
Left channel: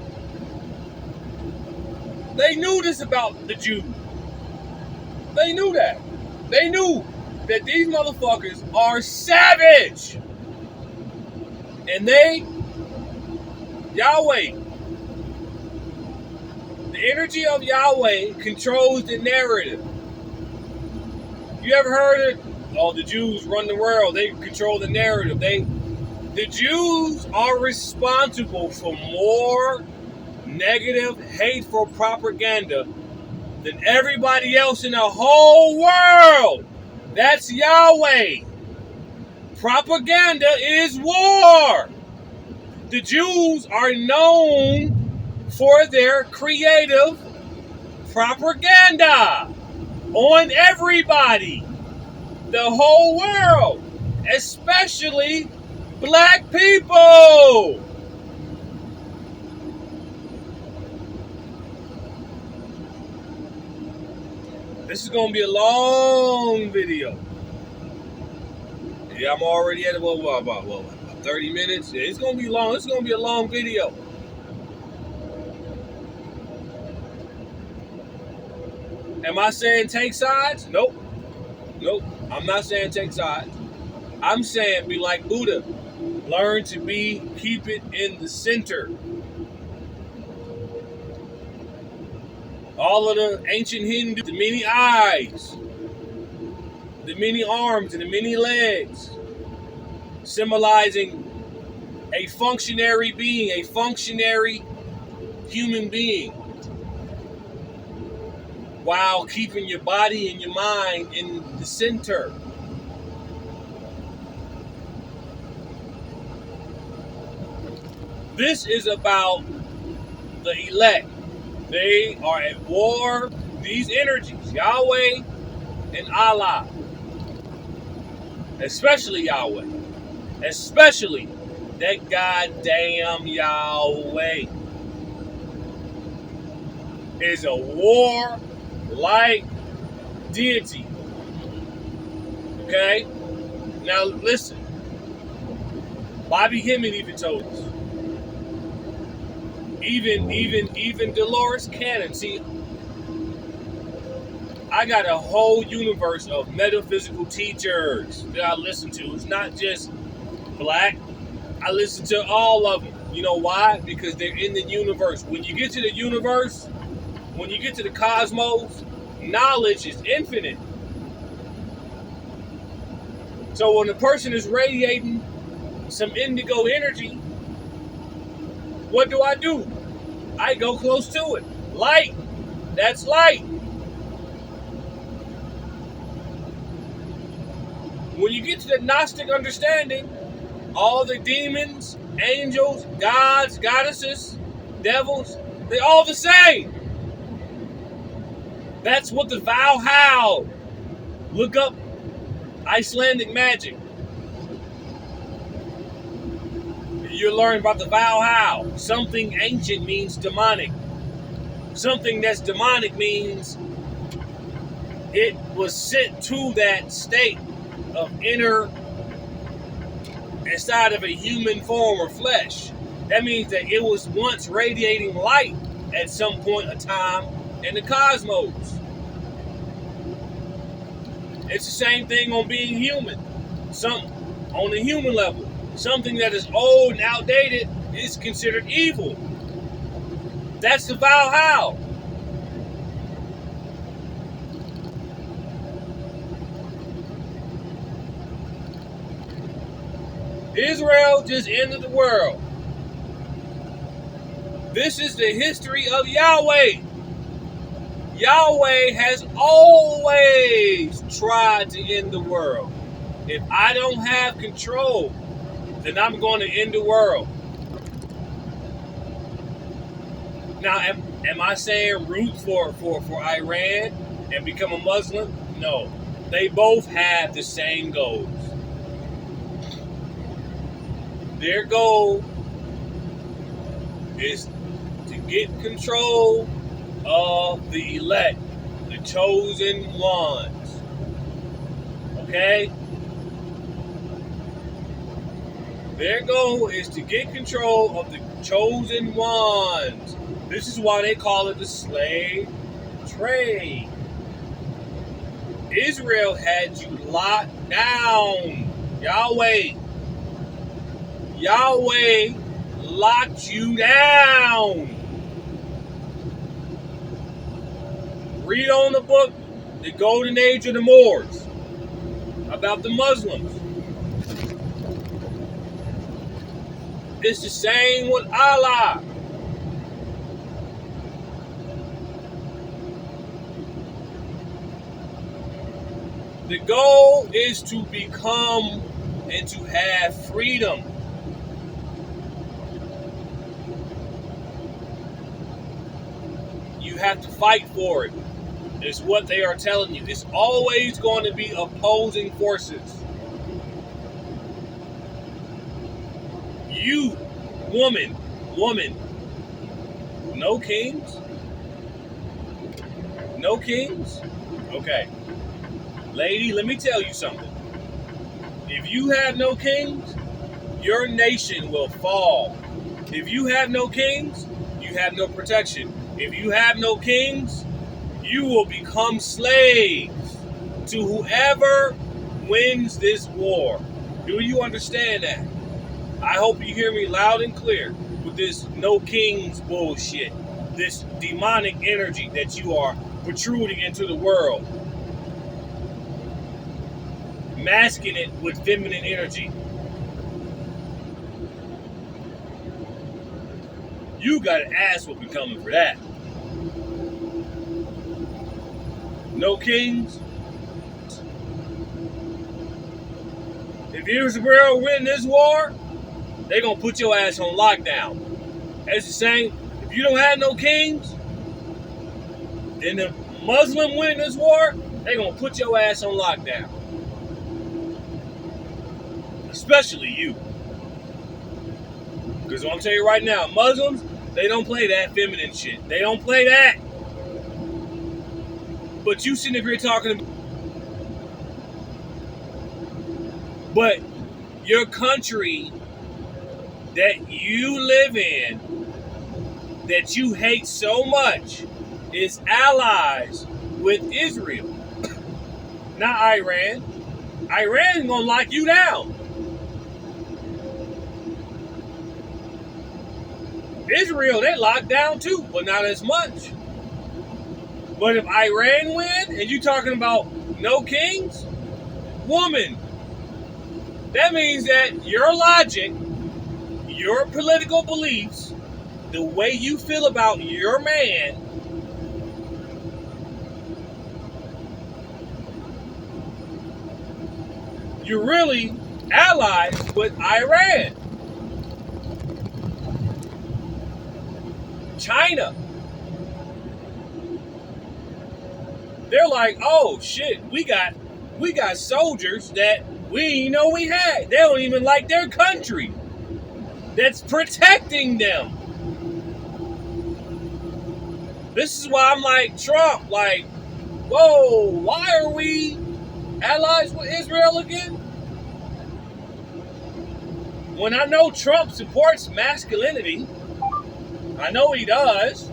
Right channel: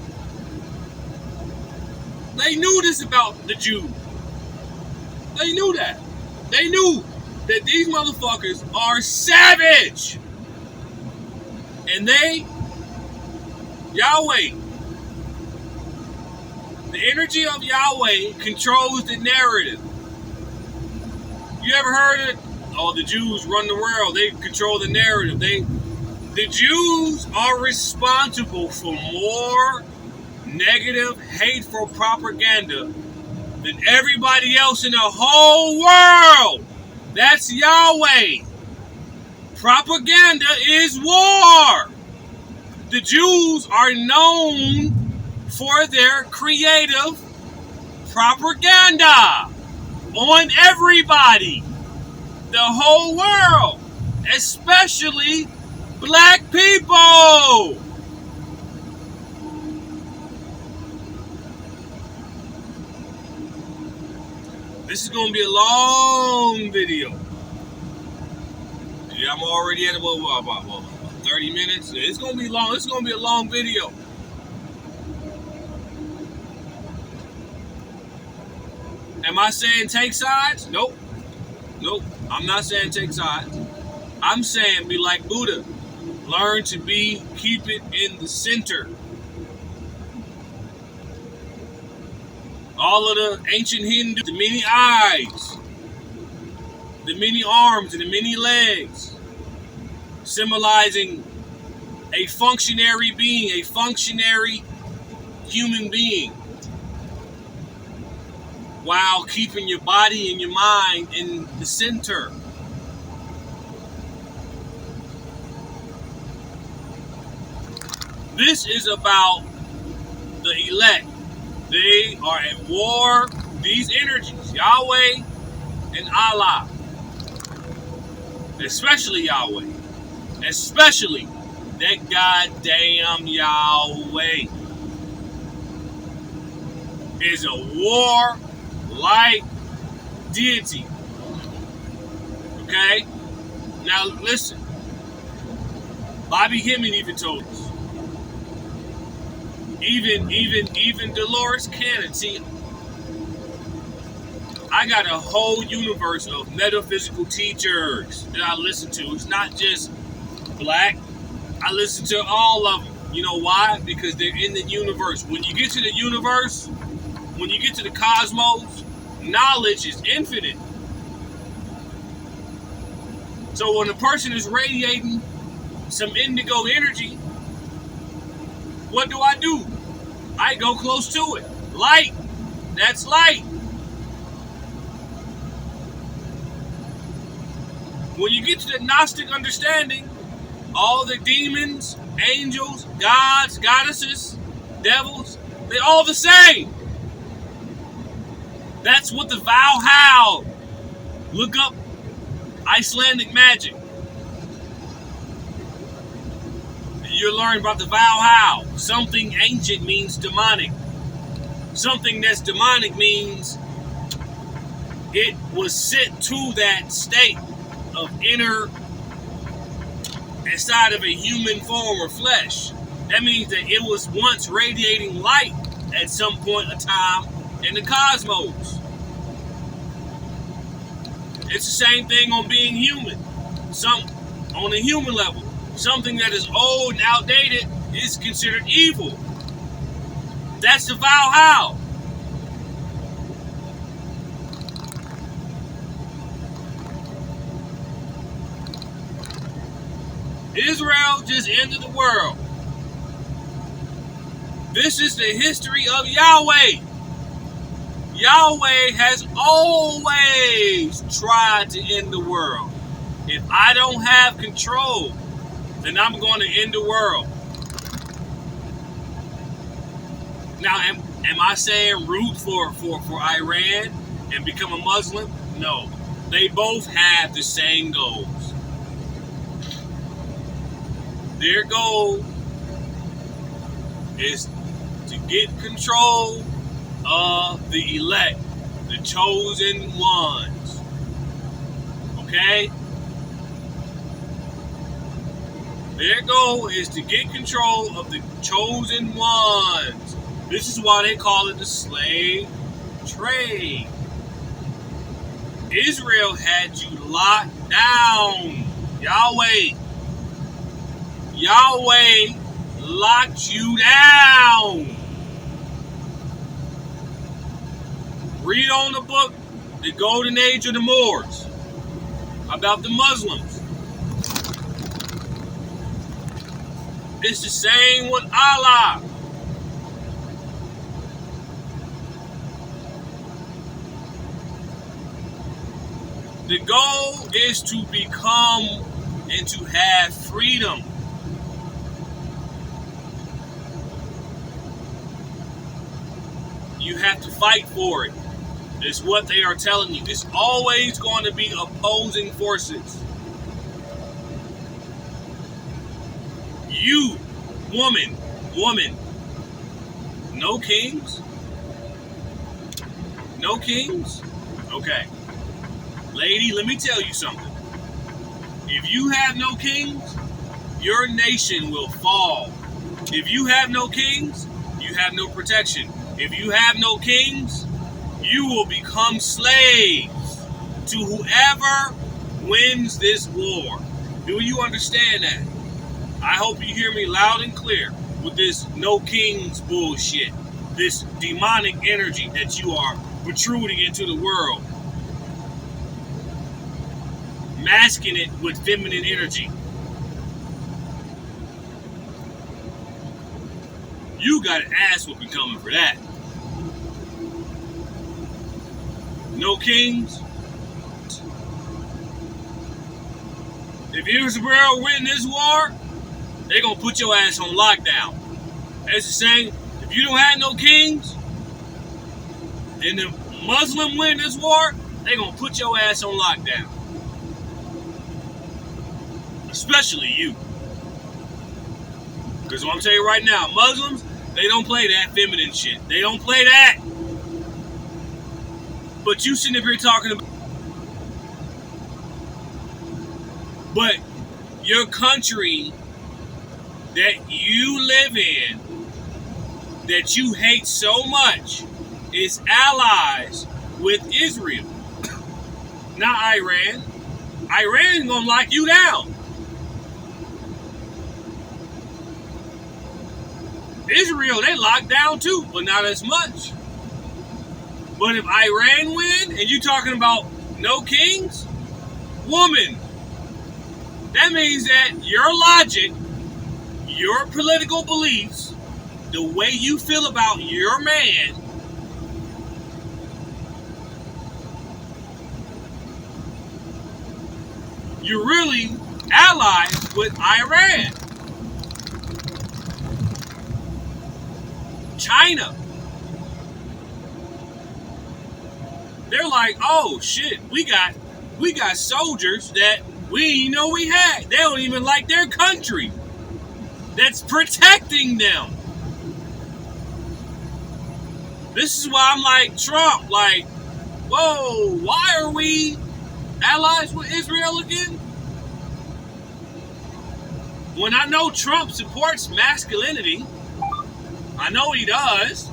they knew this about the Jews. They knew that. They knew that these motherfuckers are savage. And Yahweh, the energy of Yahweh controls the narrative. You ever heard of, the Jews run the world, they control the narrative. The Jews are responsible for more negative, hateful propaganda than everybody else in the whole world. That's Yahweh. Propaganda is war. The Jews are known for their creative propaganda on everybody, the whole world, especially black people. This is going to be a long video. Yeah, I'm already at what, 30 minutes? Yeah, it's going to be long. It's going to be a long video. Am I saying take sides? Nope. Nope. I'm not saying take sides. I'm saying be like Buddha. Learn to keep it in the center. All of the ancient Hindu, the many eyes, the many arms, and the many legs, symbolizing a functionary being, a functionary human being, while keeping your body and your mind in the center. This is about the elect. They are at war. These energies, Yahweh and Allah, especially Yahweh, especially that goddamn Yahweh, is a war-like deity. Okay? Now listen. Bobby Hemming even told us. Even Dolores Cannon. See, I got a whole universe of metaphysical teachers that I listen to. It's not just black. I listen to all of them. You know why? Because they're in the universe. When you get to the universe, when you get to the cosmos, knowledge is infinite. So when a person is radiating some indigo energy, what do? I go close to it. Light. That's light. When you get to the Gnostic understanding, all the demons, angels, gods, goddesses, devils, they're all the same. That's what the Valhalla. Look up Icelandic magic. You're learning about the Valhalla. Something ancient means demonic. Something that's demonic means it was sent to that state of inner, inside of a human form or flesh. That means that it was once radiating light at some point of time in the cosmos. It's the same thing on being human. On the human level. Something that is old and outdated is considered evil. That's the Valhalla. Israel just ended the world. This is the history of Yahweh. Yahweh has always tried to end the world. If I don't have control, then I'm going to end the world. Now, am I saying root for Iran and become a Muslim? No. They both have the same goals. Their goal is to get control of the elect, the chosen ones. Okay? Their goal is to get control of the chosen ones. This is why they call it the slave trade. Israel had you locked down. Yahweh locked you down. Read on the book, The Golden Age of the Moors, about the Muslims. It's the same with Allah. The goal is to become and to have freedom. You have to fight for it. It's what they are telling you. It's always going to be opposing forces. You, woman, no kings? No kings? Okay. Lady, let me tell you something. If you have no kings, your nation will fall. If you have no kings, you have no protection. If you have no kings, you will become slaves to whoever wins this war. Do you understand that? I hope you hear me loud and clear with this no kings bullshit. This demonic energy that you are protruding into the world. Masking it with feminine energy. You got an ass whooping coming for that. No kings. If Israel win this war, they're going to put your ass on lockdown. That's the same. If you don't have no kings, and the Muslim win this war, they're going to put your ass on lockdown. Especially you. Because what I'm telling you right now, Muslims, they don't play that feminine shit. They don't play that. But you sitting up here talking about... But your country that you live in, that you hate so much, is allies with Israel. Not Iran. Iran's gonna lock you down. Israel, they locked down too, but not as much. But if Iran win, and you talking about no kings, woman, that means that your logic, your political beliefs, the way you feel about your man, you're really allies with Iran. China. They're like, oh shit, we got soldiers that we didn't know we had. They don't even like their country that's protecting them. This is why I'm like Trump, like, whoa, why are we allies with Israel again? When I know Trump supports masculinity, I know he does.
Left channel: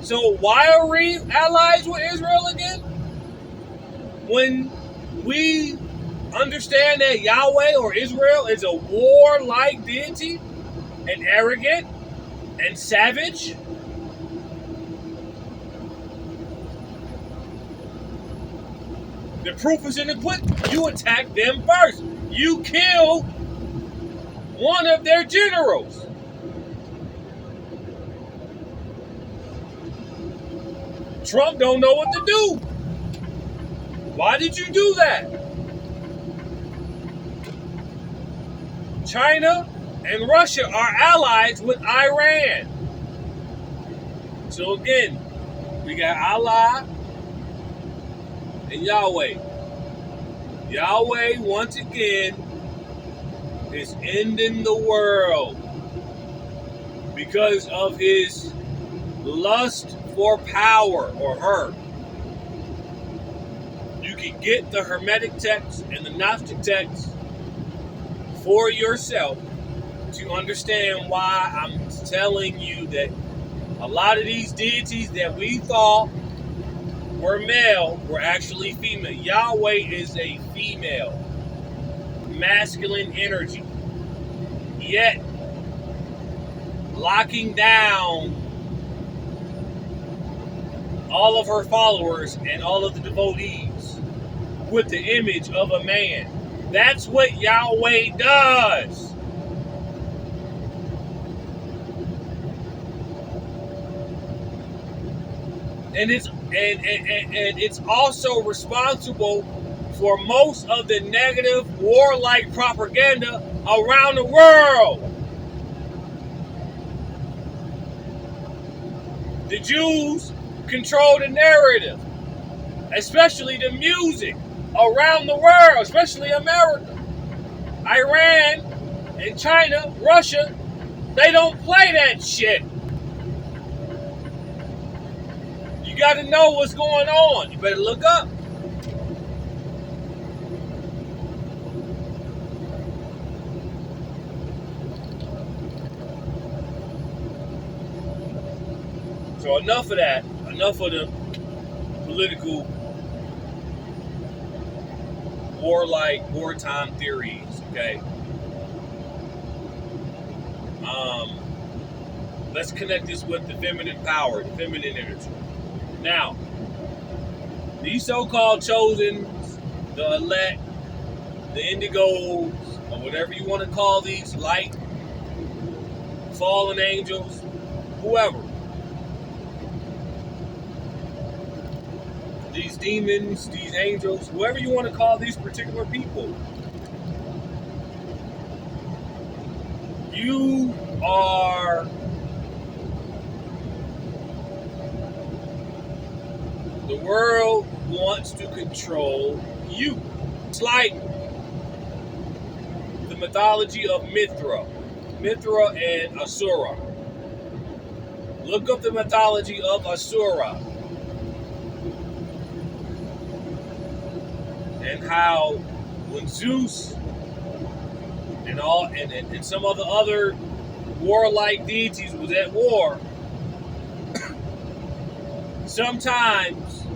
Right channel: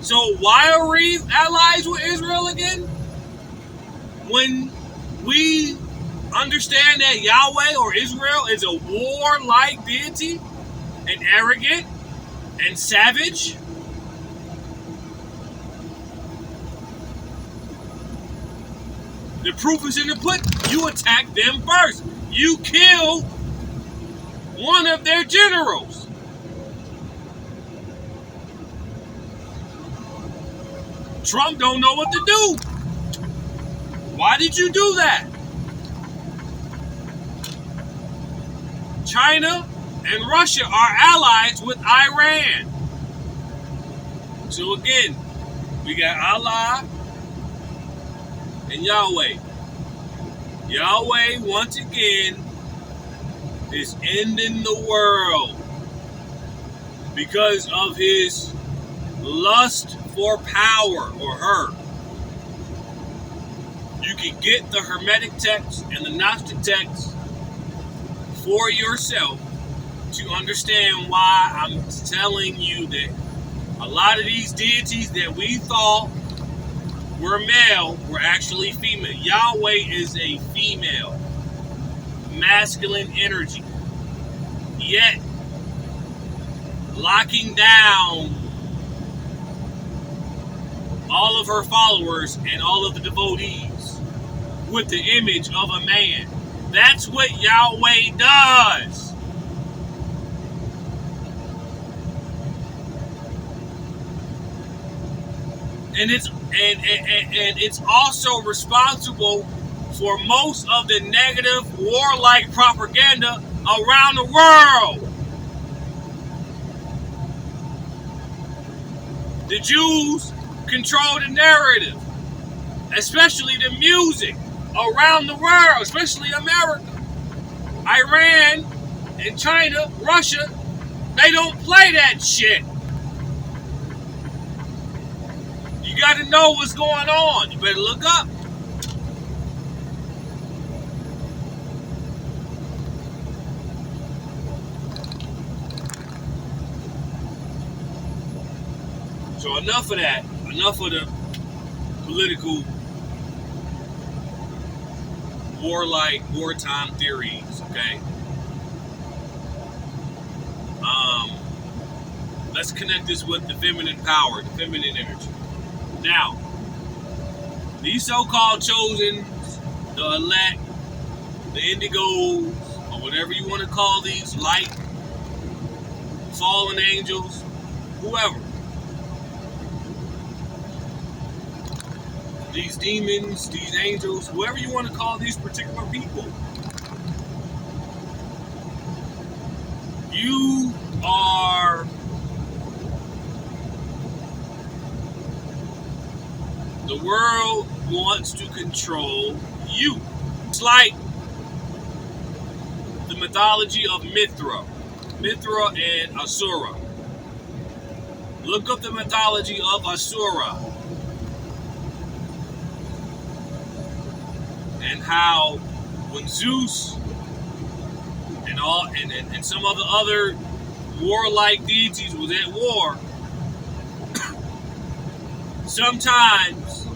So why are we allies with Israel again? When we understand that Yahweh or Israel is a warlike deity and arrogant and savage. The proof is in the pudding. You attack them first. You kill one of their generals. Trump don't know what to do. Why did you do that? China and Russia are allies with Iran. So again, we got Allah and Yahweh. Yahweh, once again, is ending the world because of his lust for power, or her. You can get the Hermetic text and the Gnostic text for yourself to understand why I'm telling you that a lot of these deities that we thought were male were actually female. Yahweh is a female, masculine energy, yet locking down all of her followers and all of the devotees with the image of a man. That's what Yahweh does. And it's also responsible for most of the negative warlike propaganda around the world. The Jews control the narrative, especially the music around the world, especially America. Iran and China, Russia, they don't play that shit. You got to know what's going on. You better look up. So enough of that. Enough of the political wartime theories, okay? Let's connect this with the feminine power, the feminine energy. Now, these so-called chosens, the elect, the indigos, or whatever you want to call these, light, fallen angels, whoever. These demons, these angels, whoever you want to call these particular people. You are the world wants to control you. It's like the mythology of Mithra and Asura. Look up the mythology of Asura and how when Zeus and some of the other warlike deities was at war, sometimes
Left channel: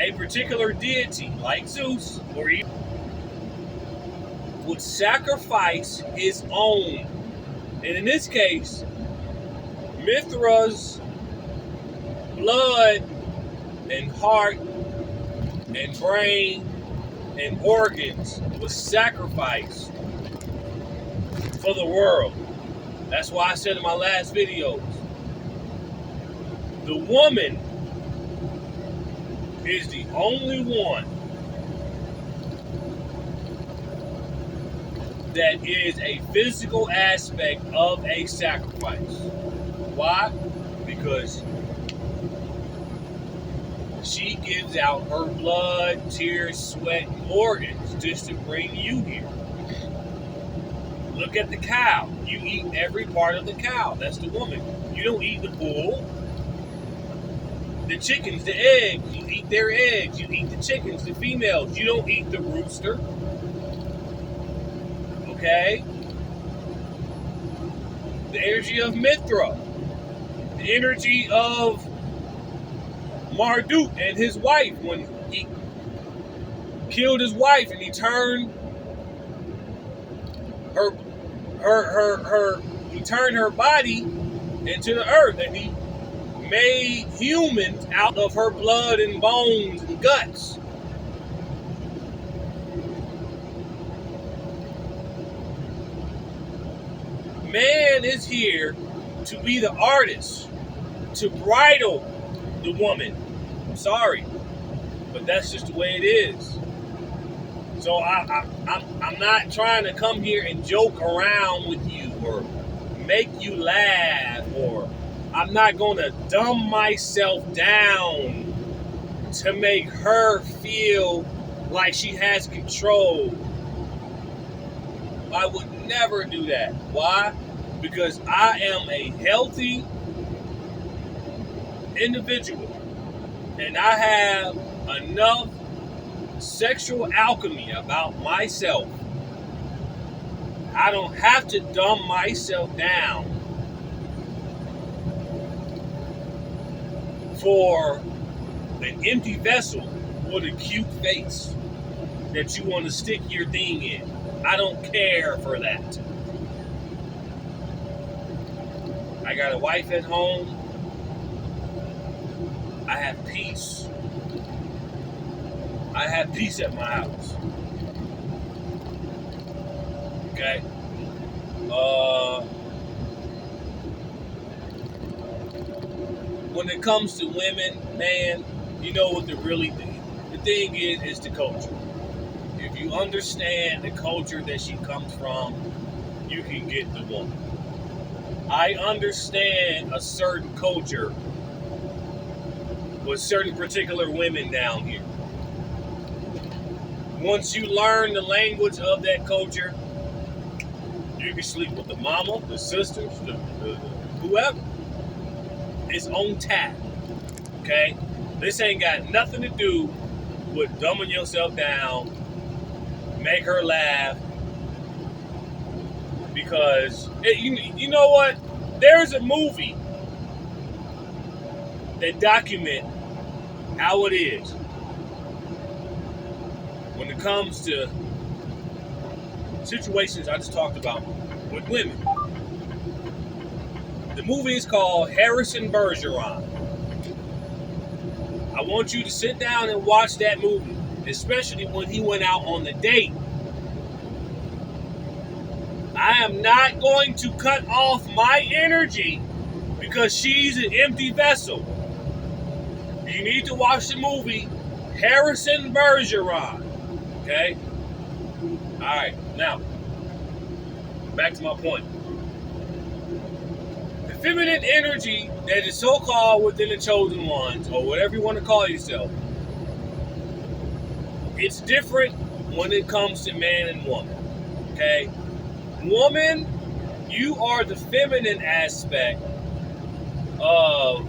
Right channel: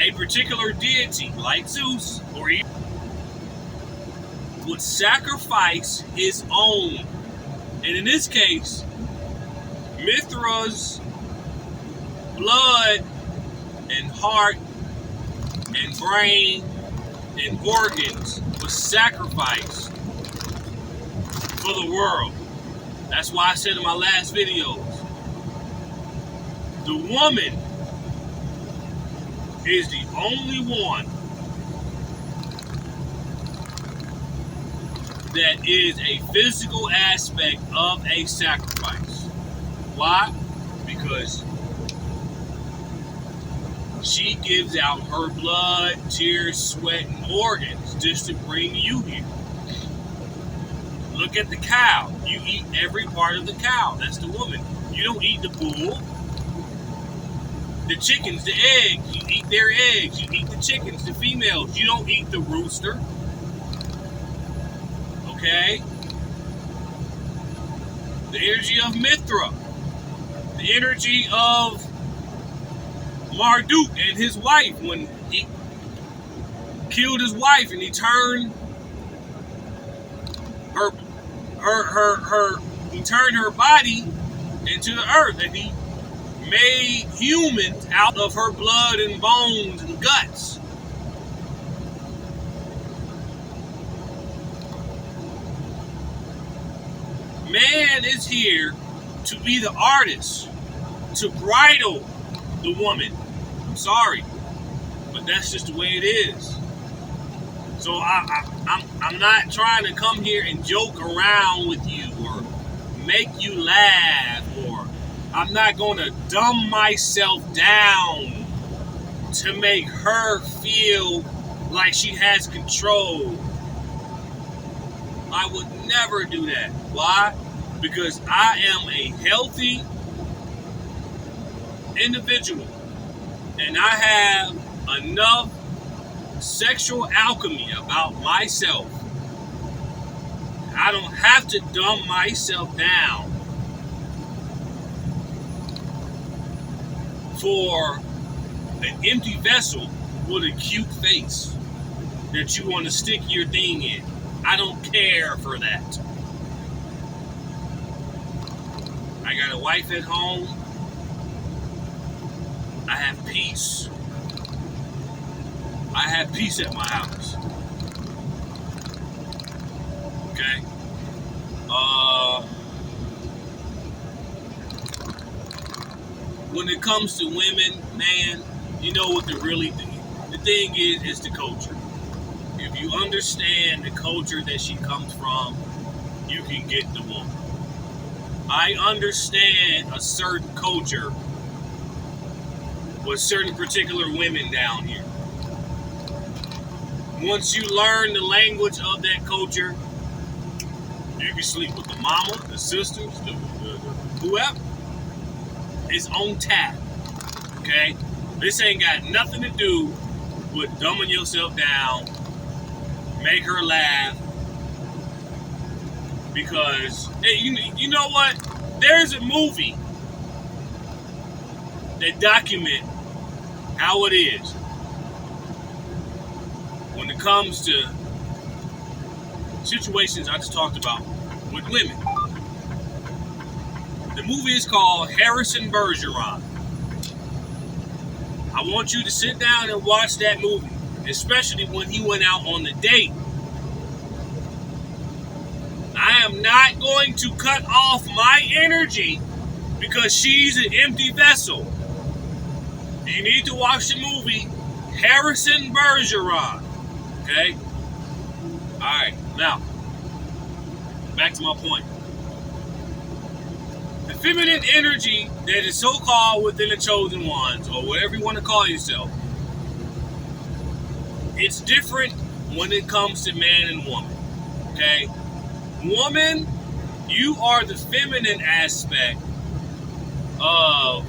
a particular deity like Zeus or even would sacrifice his own. And in this case, Mithra's blood and heart and brain and organs was sacrificed for the world. That's why I said in my last videos, the woman is the only one that is a physical aspect of a sacrifice. Why? Because she gives out her blood, tears, sweat, and organs just to bring you here. Look at the cow. You eat every part of the cow. That's the woman. You don't eat the bull. The chickens, the eggs, you eat their eggs. You eat the chickens, the females. You don't eat the rooster. Okay? The energy of Mithra. The energy of Marduk and his wife when he killed his wife and he turned her body into the earth, and he made humans out of her blood and bones and guts. Man is here to be the artist, to bridle the woman. I'm sorry, but that's just the way it is. So I'm not trying to come here and joke around with you or make you laugh, or I'm not going to dumb myself down to make her feel like she has control. I would never do that. Why? Because I am a healthy individual and I have enough sexual alchemy about myself. I don't have to dumb myself down for an empty vessel with a cute face that you want to stick your thing in. I don't care for that. I got a wife at home. I have peace. I have peace at my house. Okay? When it comes to women, man, you know what the thing is the culture. if you understand the culture that she comes from, you can get the woman. I understand a certain culture with certain particular women down here. Once you learn the language of that culture, you can sleep with the mama, the sisters, the whoever. It's on tap. Okay? This ain't got nothing to do with dumbing yourself down, make her laugh, because you know what? There's a movie that documents how it is when it comes to situations I just talked about with women. The movie is called Harrison Bergeron. I want you to sit down and watch that movie, especially when he went out on the date. I am not going to cut off my energy because she's an empty vessel. You need to watch the movie Harrison Bergeron. Okay? Alright, now, back to my point. The feminine energy that is so-called within the chosen ones, or whatever you want to call yourself, it's different when it comes to man and woman. Okay? Woman, you are the feminine aspect of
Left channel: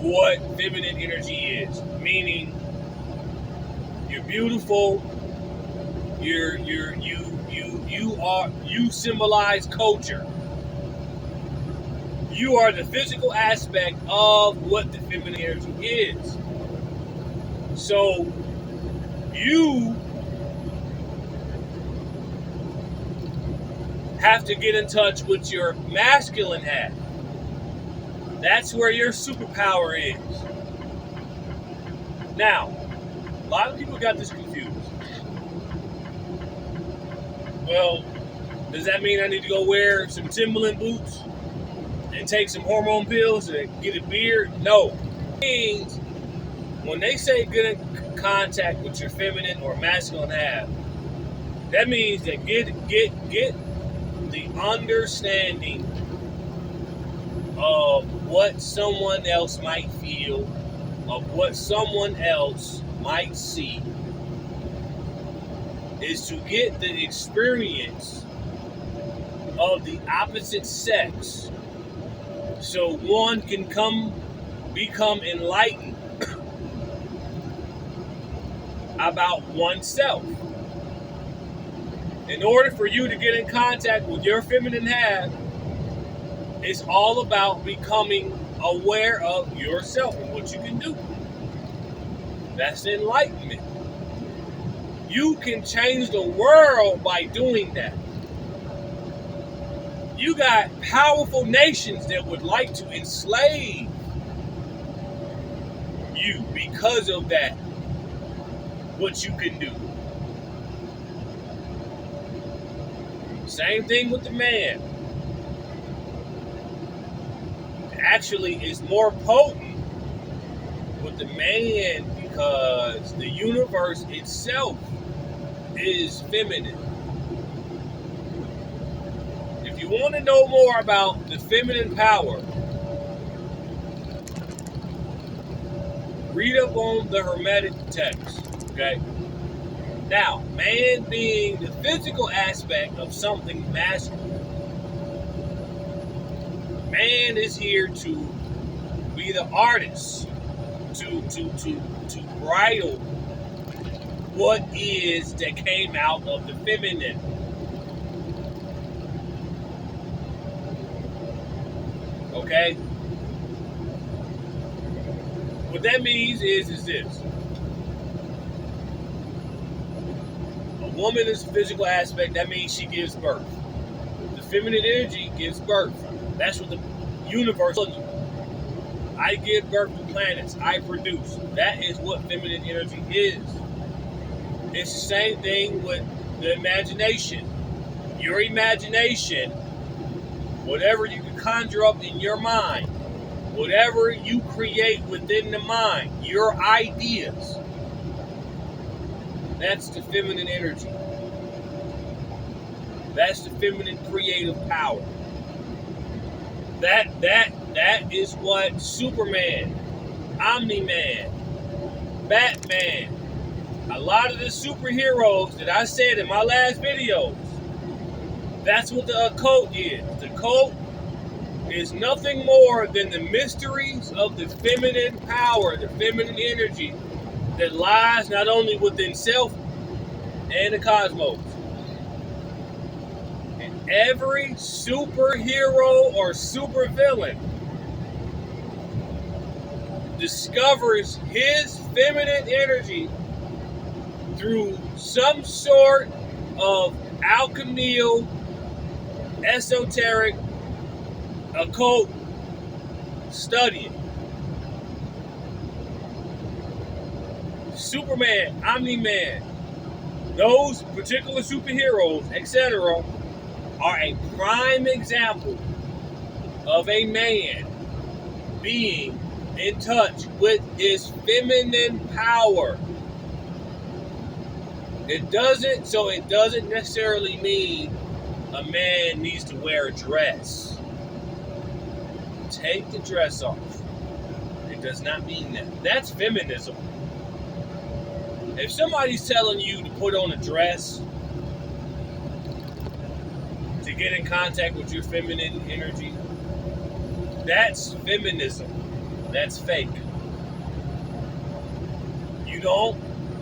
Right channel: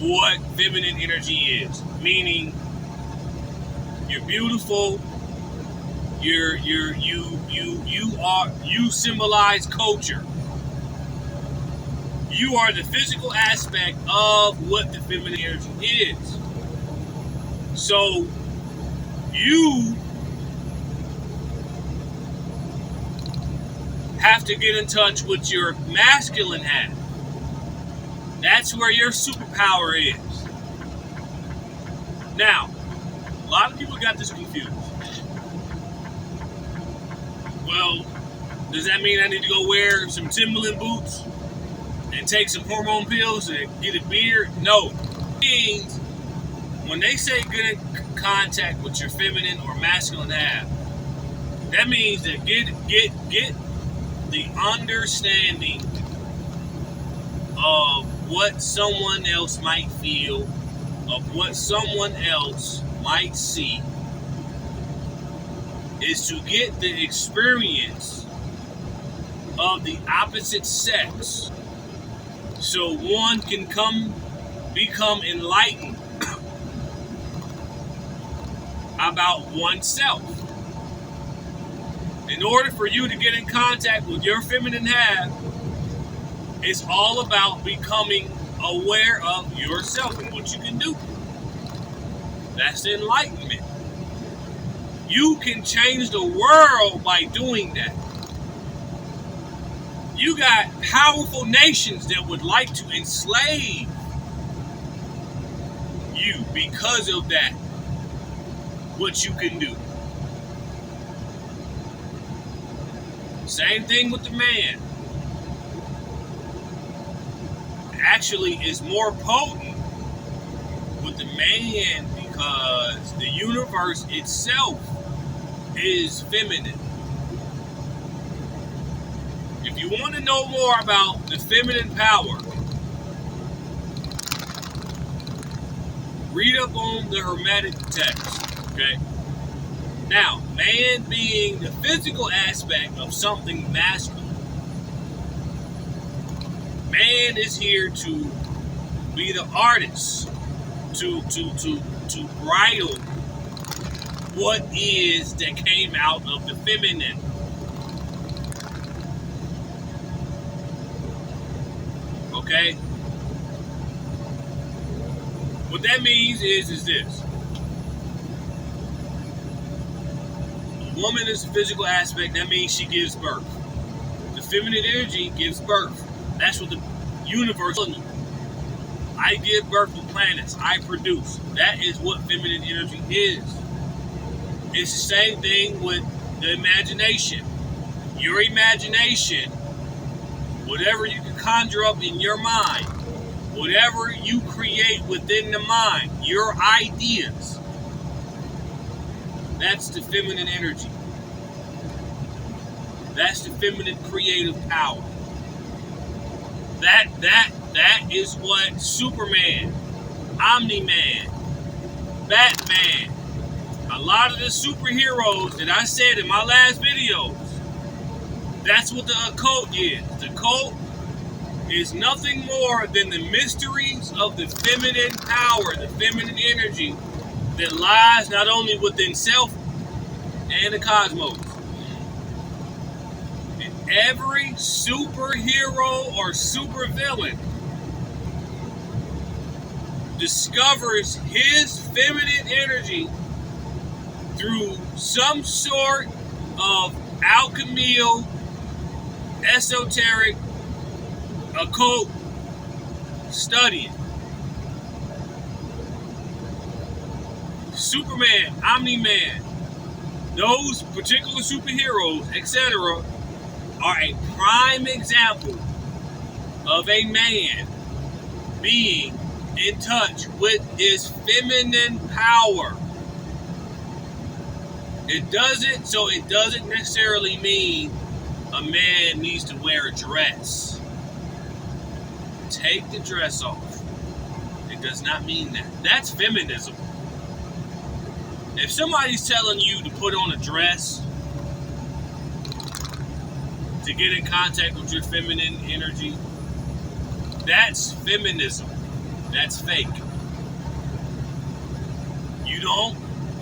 what feminine energy is. Meaning, you're beautiful, you symbolize culture. You are the physical aspect of what the feminine energy is. So you have to get in touch with your masculine half. That's where your superpower is. Now, a lot of people got this confused. Well, does that mean I need to go wear some Timberland boots and take some hormone pills and get a beard? No. It means when they say get in contact with your feminine or masculine half, that means that get the understanding of what someone else might feel, of what someone else might see, is to get the experience of the opposite sex so one can become enlightened about oneself. In order for you to get in contact with your feminine half, it's all about becoming aware of yourself and what you can do. That's enlightenment. You can change the world by doing that. You got powerful nations that would like to enslave you because of that. What you can do. Same thing with the man. Actually, it's more potent with the man because the universe itself is feminine. If you want to know more about the feminine power, read up on the Hermetic text. Okay? Now, man being the physical aspect of something masculine, man is here to be the artist, to bridle what is that came out of the feminine. Okay? What that means is this. A woman is a physical aspect, that means she gives birth. The feminine energy gives birth. That's what the universe is. I give birth to planets. I produce. That is what feminine energy is. It's the same thing with the imagination. Your imagination, whatever you can conjure up in your mind, whatever you create within the mind, your ideas, That's the feminine energy. That's the feminine creative power. That is what Superman, Omni-Man, Batman, a lot of the superheroes that I said in my last videos, that's what the occult is. The occult is nothing more than the mysteries of the feminine power, the feminine energy that lies not only within self and the cosmos. And every superhero or supervillain discovers his feminine energy through some sort of alchemical, esoteric, occult studying. Superman, Omni-Man, those particular superheroes, etc., are a prime example of a man being in touch with his feminine power. It doesn't necessarily mean a man needs to wear a dress. Take the dress off. It does not mean that. That's feminism. If somebody's telling you to put on a dress to get in contact with your feminine energy, that's feminism. That's fake.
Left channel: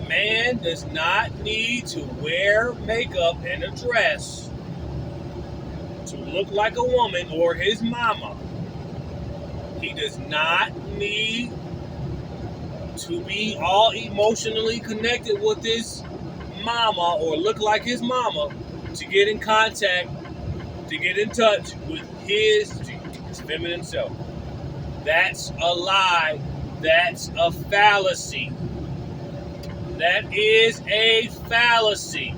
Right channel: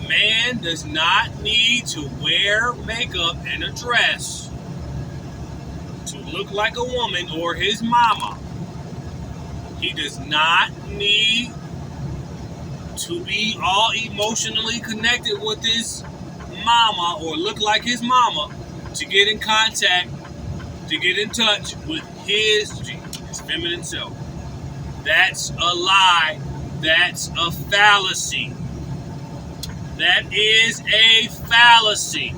Man does not need to wear makeup and a dress to look like a woman or his mama. He does not need to be all emotionally connected with his mama or look like his mama to get in contact, to get in touch with his feminine self. That's a lie. That's a fallacy. That is a fallacy.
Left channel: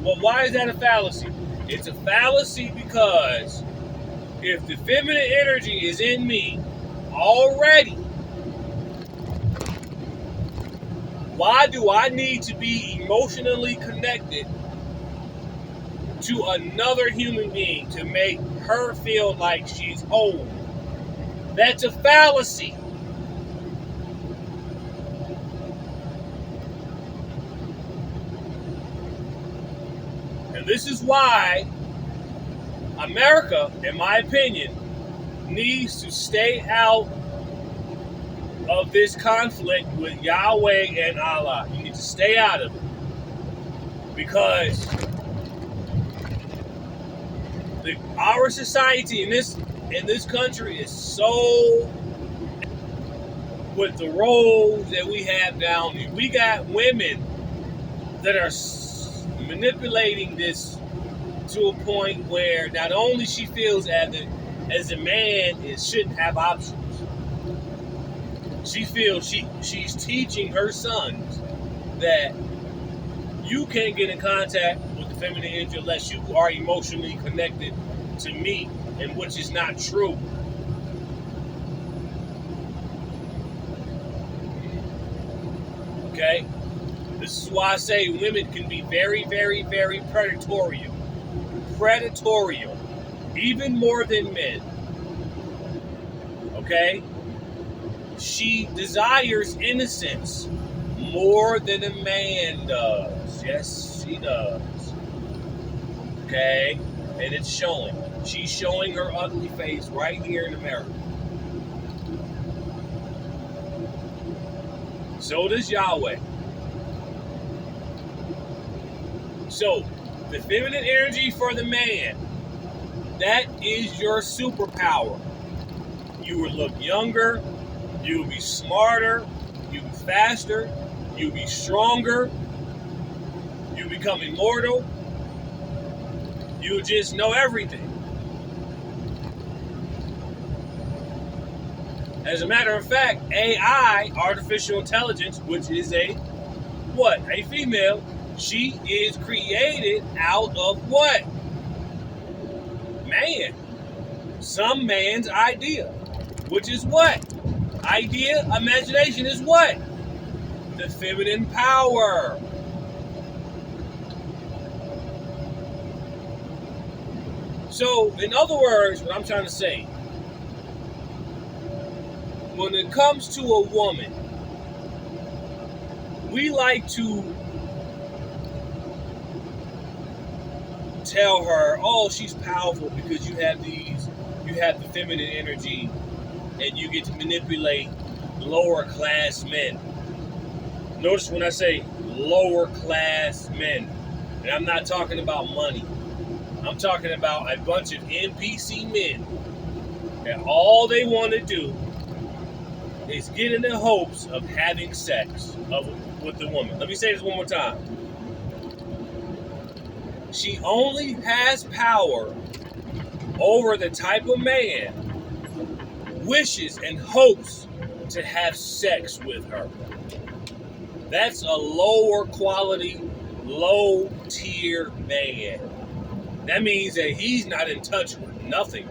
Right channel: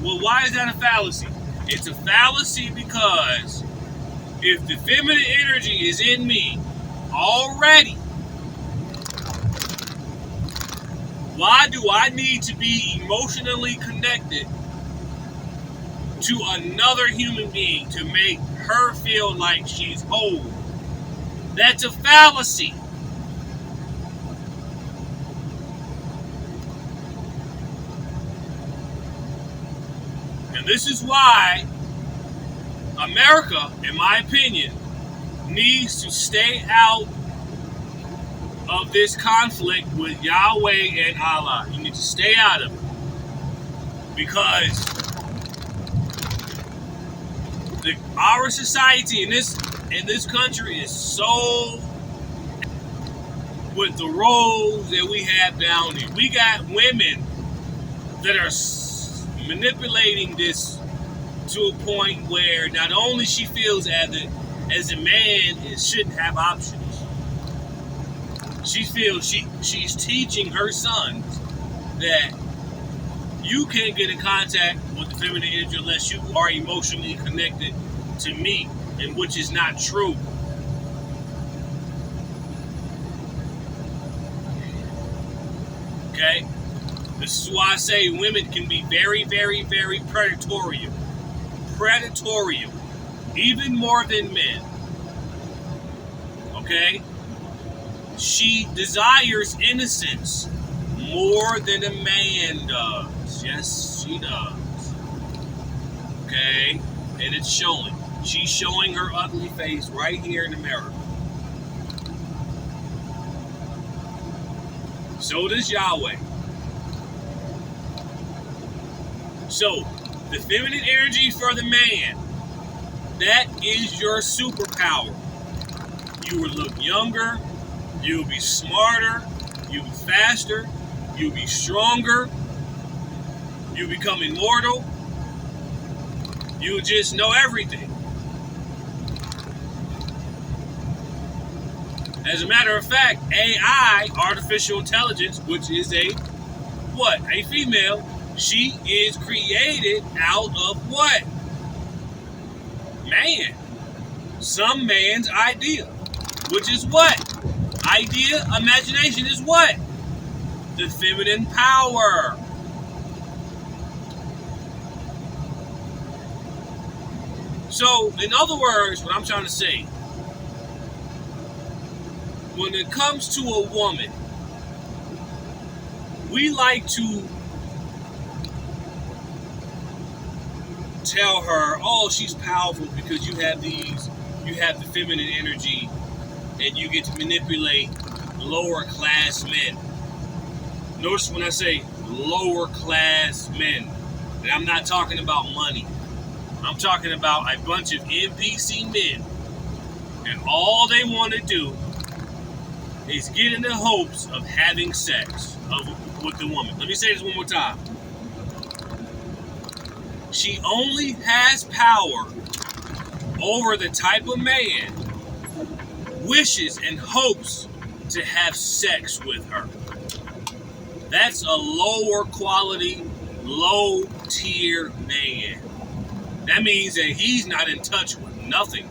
Well, why is that a fallacy? It's a fallacy because if the feminine energy is in me already, why do I need to be emotionally connected to another human being to make her feel like she's whole? That's a fallacy. And this is why America, in my opinion, needs to stay out of this conflict with Yahweh and Allah. You need to stay out of it. Because our society in this country is so with the roles that we have down here. We got women that are manipulating this to a point where not only she feels as a man shouldn't have options. She feels she's teaching her sons that you can't get in contact with the feminine energy unless you are emotionally connected to me, and which is not true. Okay? This is why I say women can be very, very, very predatorial. Predatorial. Even more than men. Okay? She desires innocence more than a man does. Yes, she does. Okay? And it's showing. She's showing her ugly face right here in America. So does Yahweh. So, the feminine energy for the man, that is your superpower. You will look younger, you'll be smarter, you'll be faster, you'll be stronger, you'll become immortal, you'll just know everything. As a matter of fact, AI, artificial intelligence, which is a female, she is created out of what? Man. Some man's idea. Which is what? Idea, imagination is what? The feminine power. So, in other words, what I'm trying to say, when it comes to a woman, we like to tell her, oh, she's powerful because you have the feminine energy and you get to manipulate lower class men. Notice when I say lower class men, and I'm not talking about money. I'm talking about a bunch of NPC men, and all they want to do is get in the hopes of having sex with the woman. Let me say this one more time. She only has power over the type of man wishes and hopes to have sex with her. That's a lower quality, low tier man. That means that he's not in touch with nothing.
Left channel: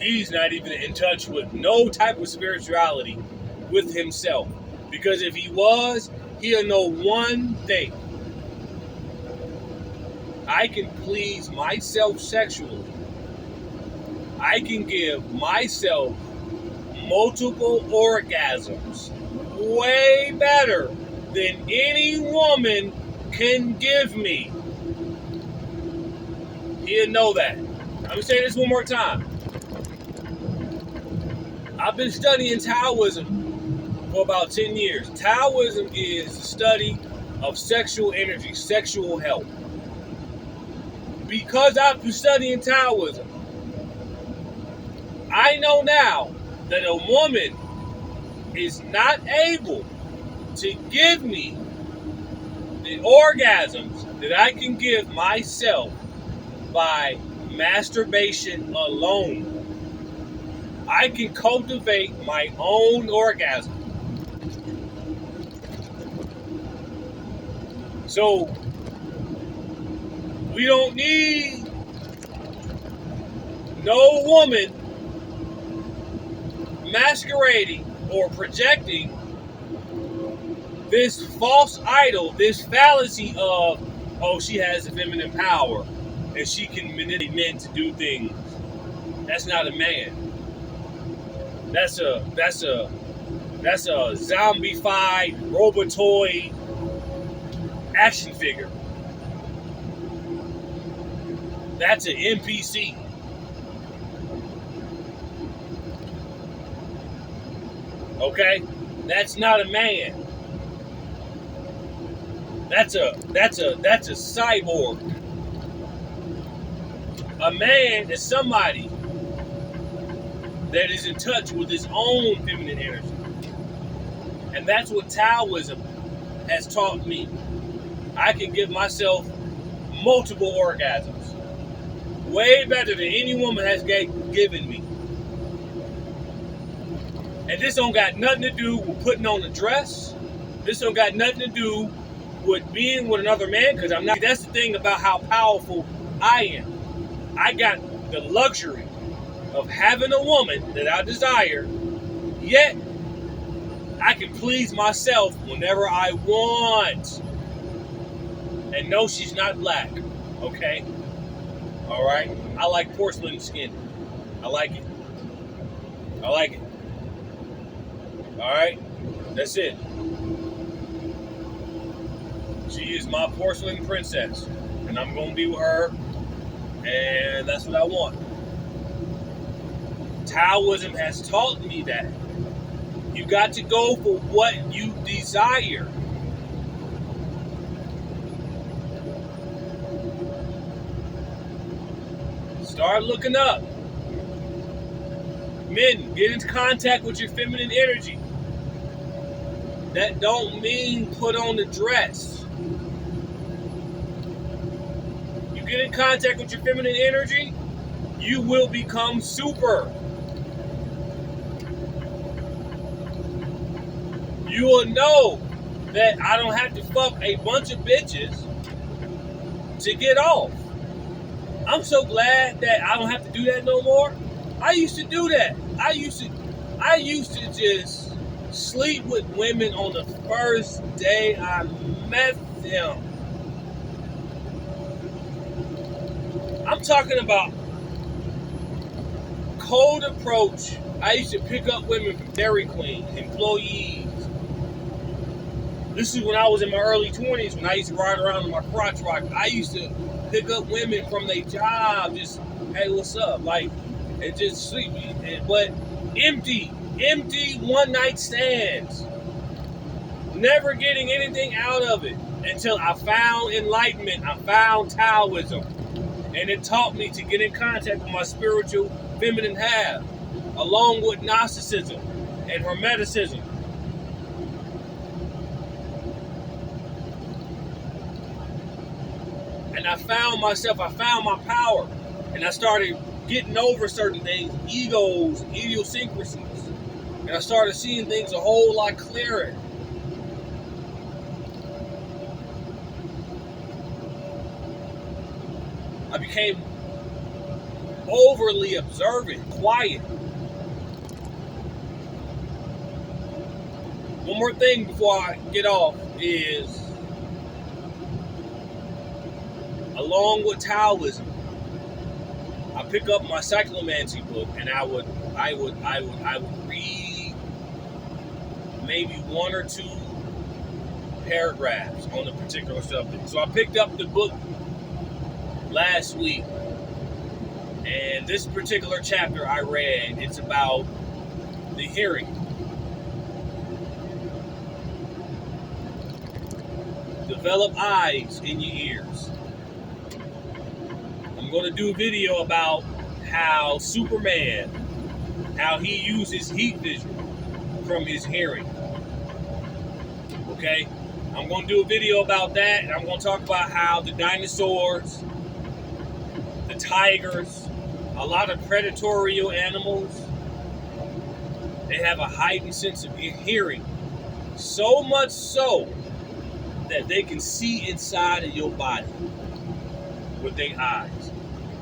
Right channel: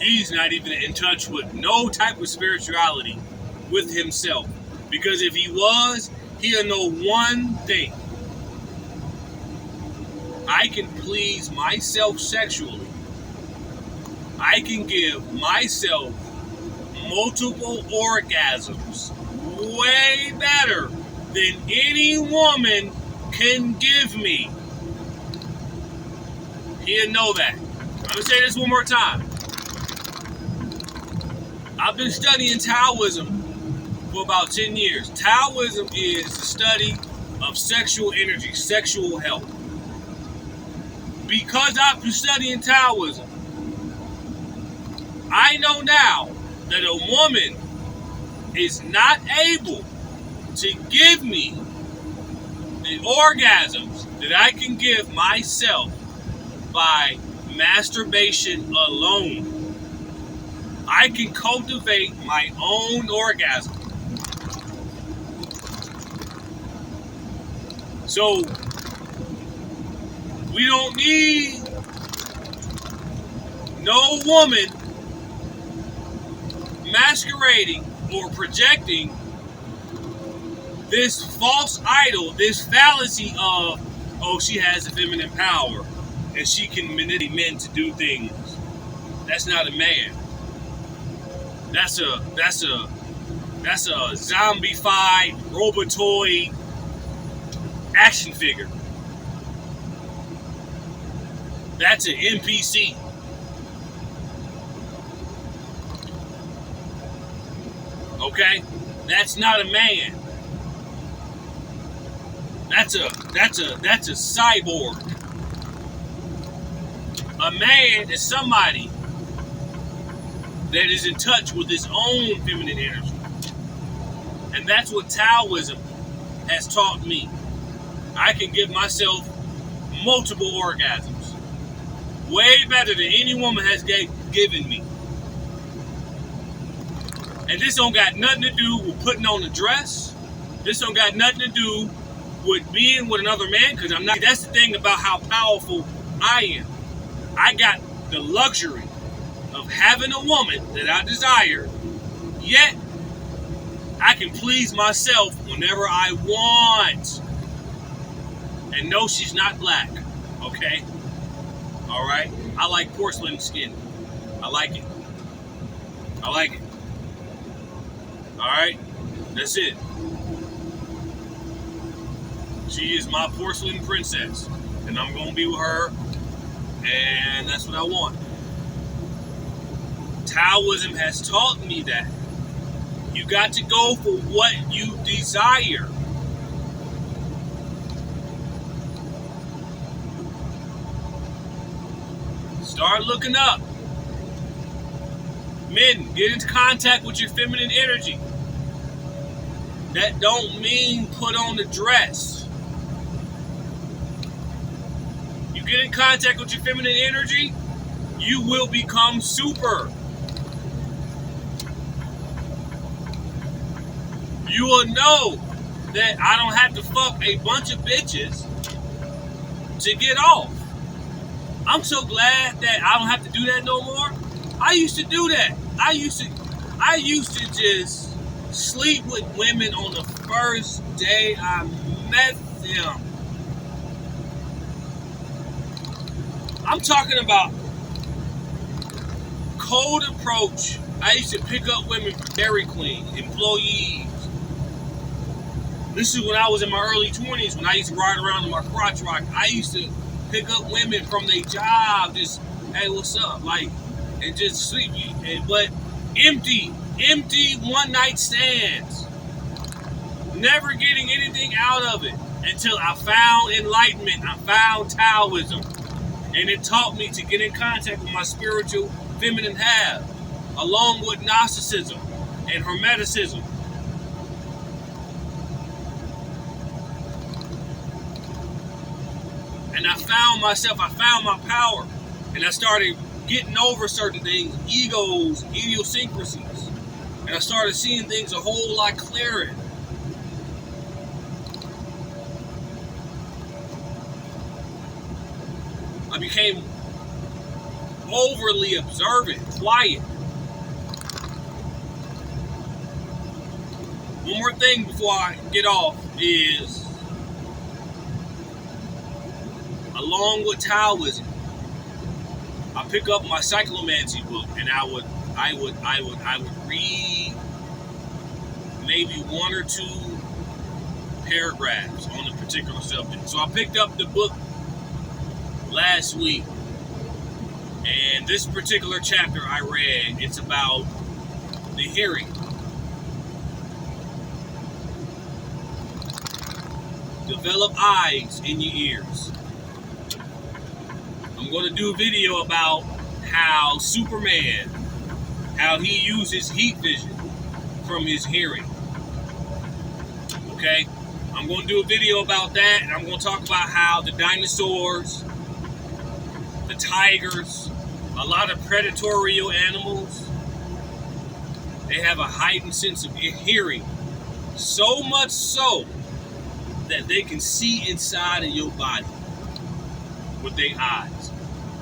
He's not even in touch with no type of spirituality with himself. Because if he was, he'll know one thing. I can please myself sexually. I can give myself multiple orgasms way better than any woman can give me. He'll know that. I'm going to say this one more time. I've been studying Taoism for about 10 years. Taoism is the study of sexual energy, sexual health. Because I've been studying Taoism, I know now that a woman is not able to give me the orgasms that I can give myself by masturbation alone. I can cultivate my own orgasm. So, we don't need no woman masquerading or projecting this false idol, this fallacy of, oh, she has the feminine power and she can manipulate men to do things. That's not a man. That's a zombified robotoid action figure. That's an NPC. Okay? That's not a man. That's a cyborg. A man is somebody that is in touch with his own feminine energy. And that's what Taoism has taught me. I can give myself multiple orgasms. Way better than any woman has given me. And this don't got nothing to do with putting on a dress. This don't got nothing to do with being with another man, because I'm not. That's the thing about how powerful I am. I got the luxury of having a woman that I desire, yet I can please myself whenever I want. And no, she's not black, okay? All right? I like porcelain skin. I like it. I like it. All right? That's it. She is my porcelain princess, and I'm going to be with her, and that's what I want. Taoism has taught me that. You got to go for what you desire. Start looking up. Men, get into contact with your feminine energy. That don't mean put on a dress. You get in contact with your feminine energy, you will become super. You will know that I don't have to fuck a bunch of bitches to get off. I'm so glad that I don't have to do that no more. I used to do that. I used to just sleep with women on the first day I met them. I'm talking about cold approach. I used to pick up women from Dairy Queen, employees. This is when I was in my early 20s, when I used to ride around in my crotch rock. I used to pick up women from their job, just, hey, what's up? Like, and just sleep. But empty one night stands. Never getting anything out of it until I found enlightenment. I found Taoism. And it taught me to get in contact with my spiritual feminine half, along with Gnosticism and Hermeticism. And I found myself, I found my power. And I started getting over certain things, egos, idiosyncrasies. And I started seeing things a whole lot clearer. I became overly observant, quiet. One more thing before I get off is, along with Taoism, I pick up my Cyclomancy book and I would read maybe one or two paragraphs on a particular subject. So I picked up the book last week, and this particular chapter I read, it's about the hearing. Develop eyes in your ears. I'm going to do a video about how Superman, how he uses heat vision from his hearing. Okay? I'm going to do a video about that, and I'm going to talk about how the dinosaurs, the tigers, a lot of predatory animals, they have a heightened sense of hearing. So much so that they can see inside of your body with their eyes.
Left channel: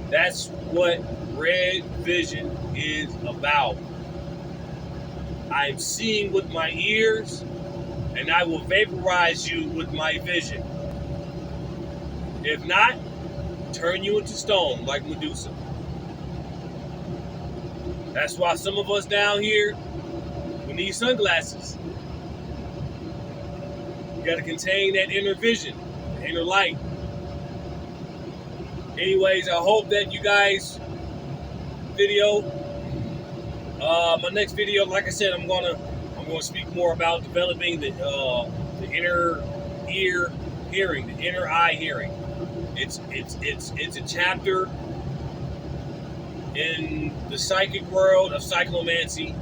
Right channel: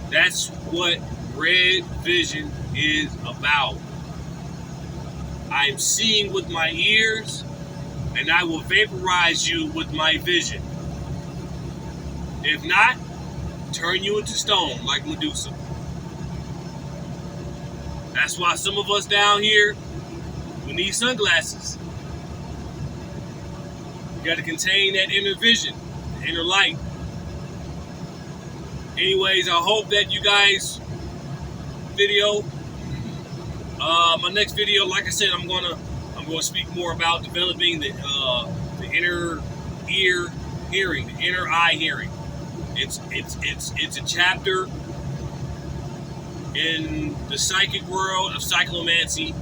That's what red vision is about. I am seeing with my ears, and I will vaporize you with my vision. If not, turn you into stone like Medusa. That's why some of us down here, we need sunglasses. You got to contain that inner vision, the inner light. Anyways, I hope that you guys video. My next video, like I said, I'm gonna speak more about developing the inner ear hearing, the inner eye hearing. It's a chapter in the psychic world of Cyclomancy.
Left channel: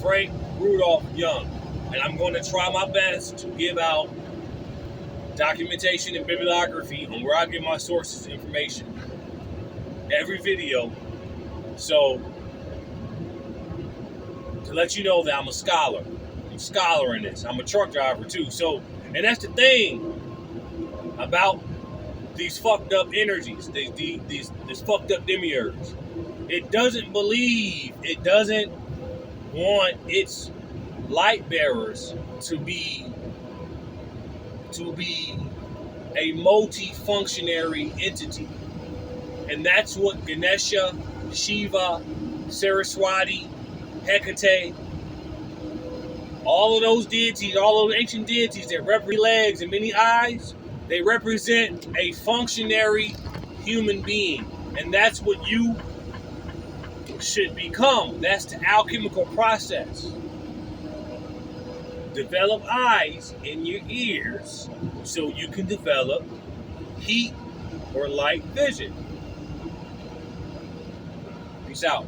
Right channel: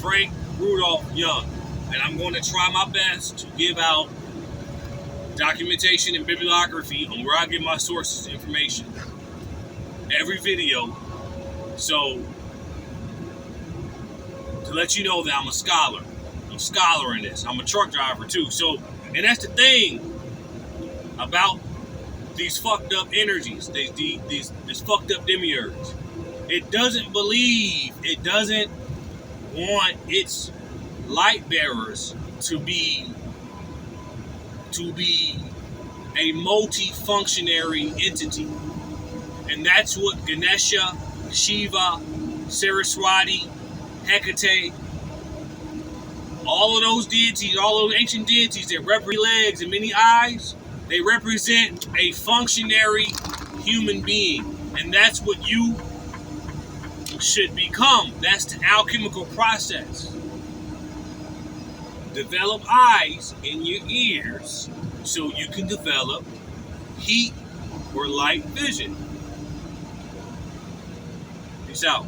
Frank Rudolph Young, and I'm going to try my best to give out documentation and bibliography on where I get my sources of information every video, so to let you know that I'm a scholar. I'm a scholar in this. I'm a truck driver too. So, and that's the thing about these fucked up energies, these fucked up demiurge. It doesn't believe, it doesn't want its light bearers to be a multi-functionary entity. And that's what Ganesha, Shiva, Saraswati, Hecate, all of those deities, all those ancient deities that represent legs and many eyes, they represent a functionary human being. And that's what you should become. That's the alchemical process. Develop eyes in your ears so you can develop heat or light vision. Peace out.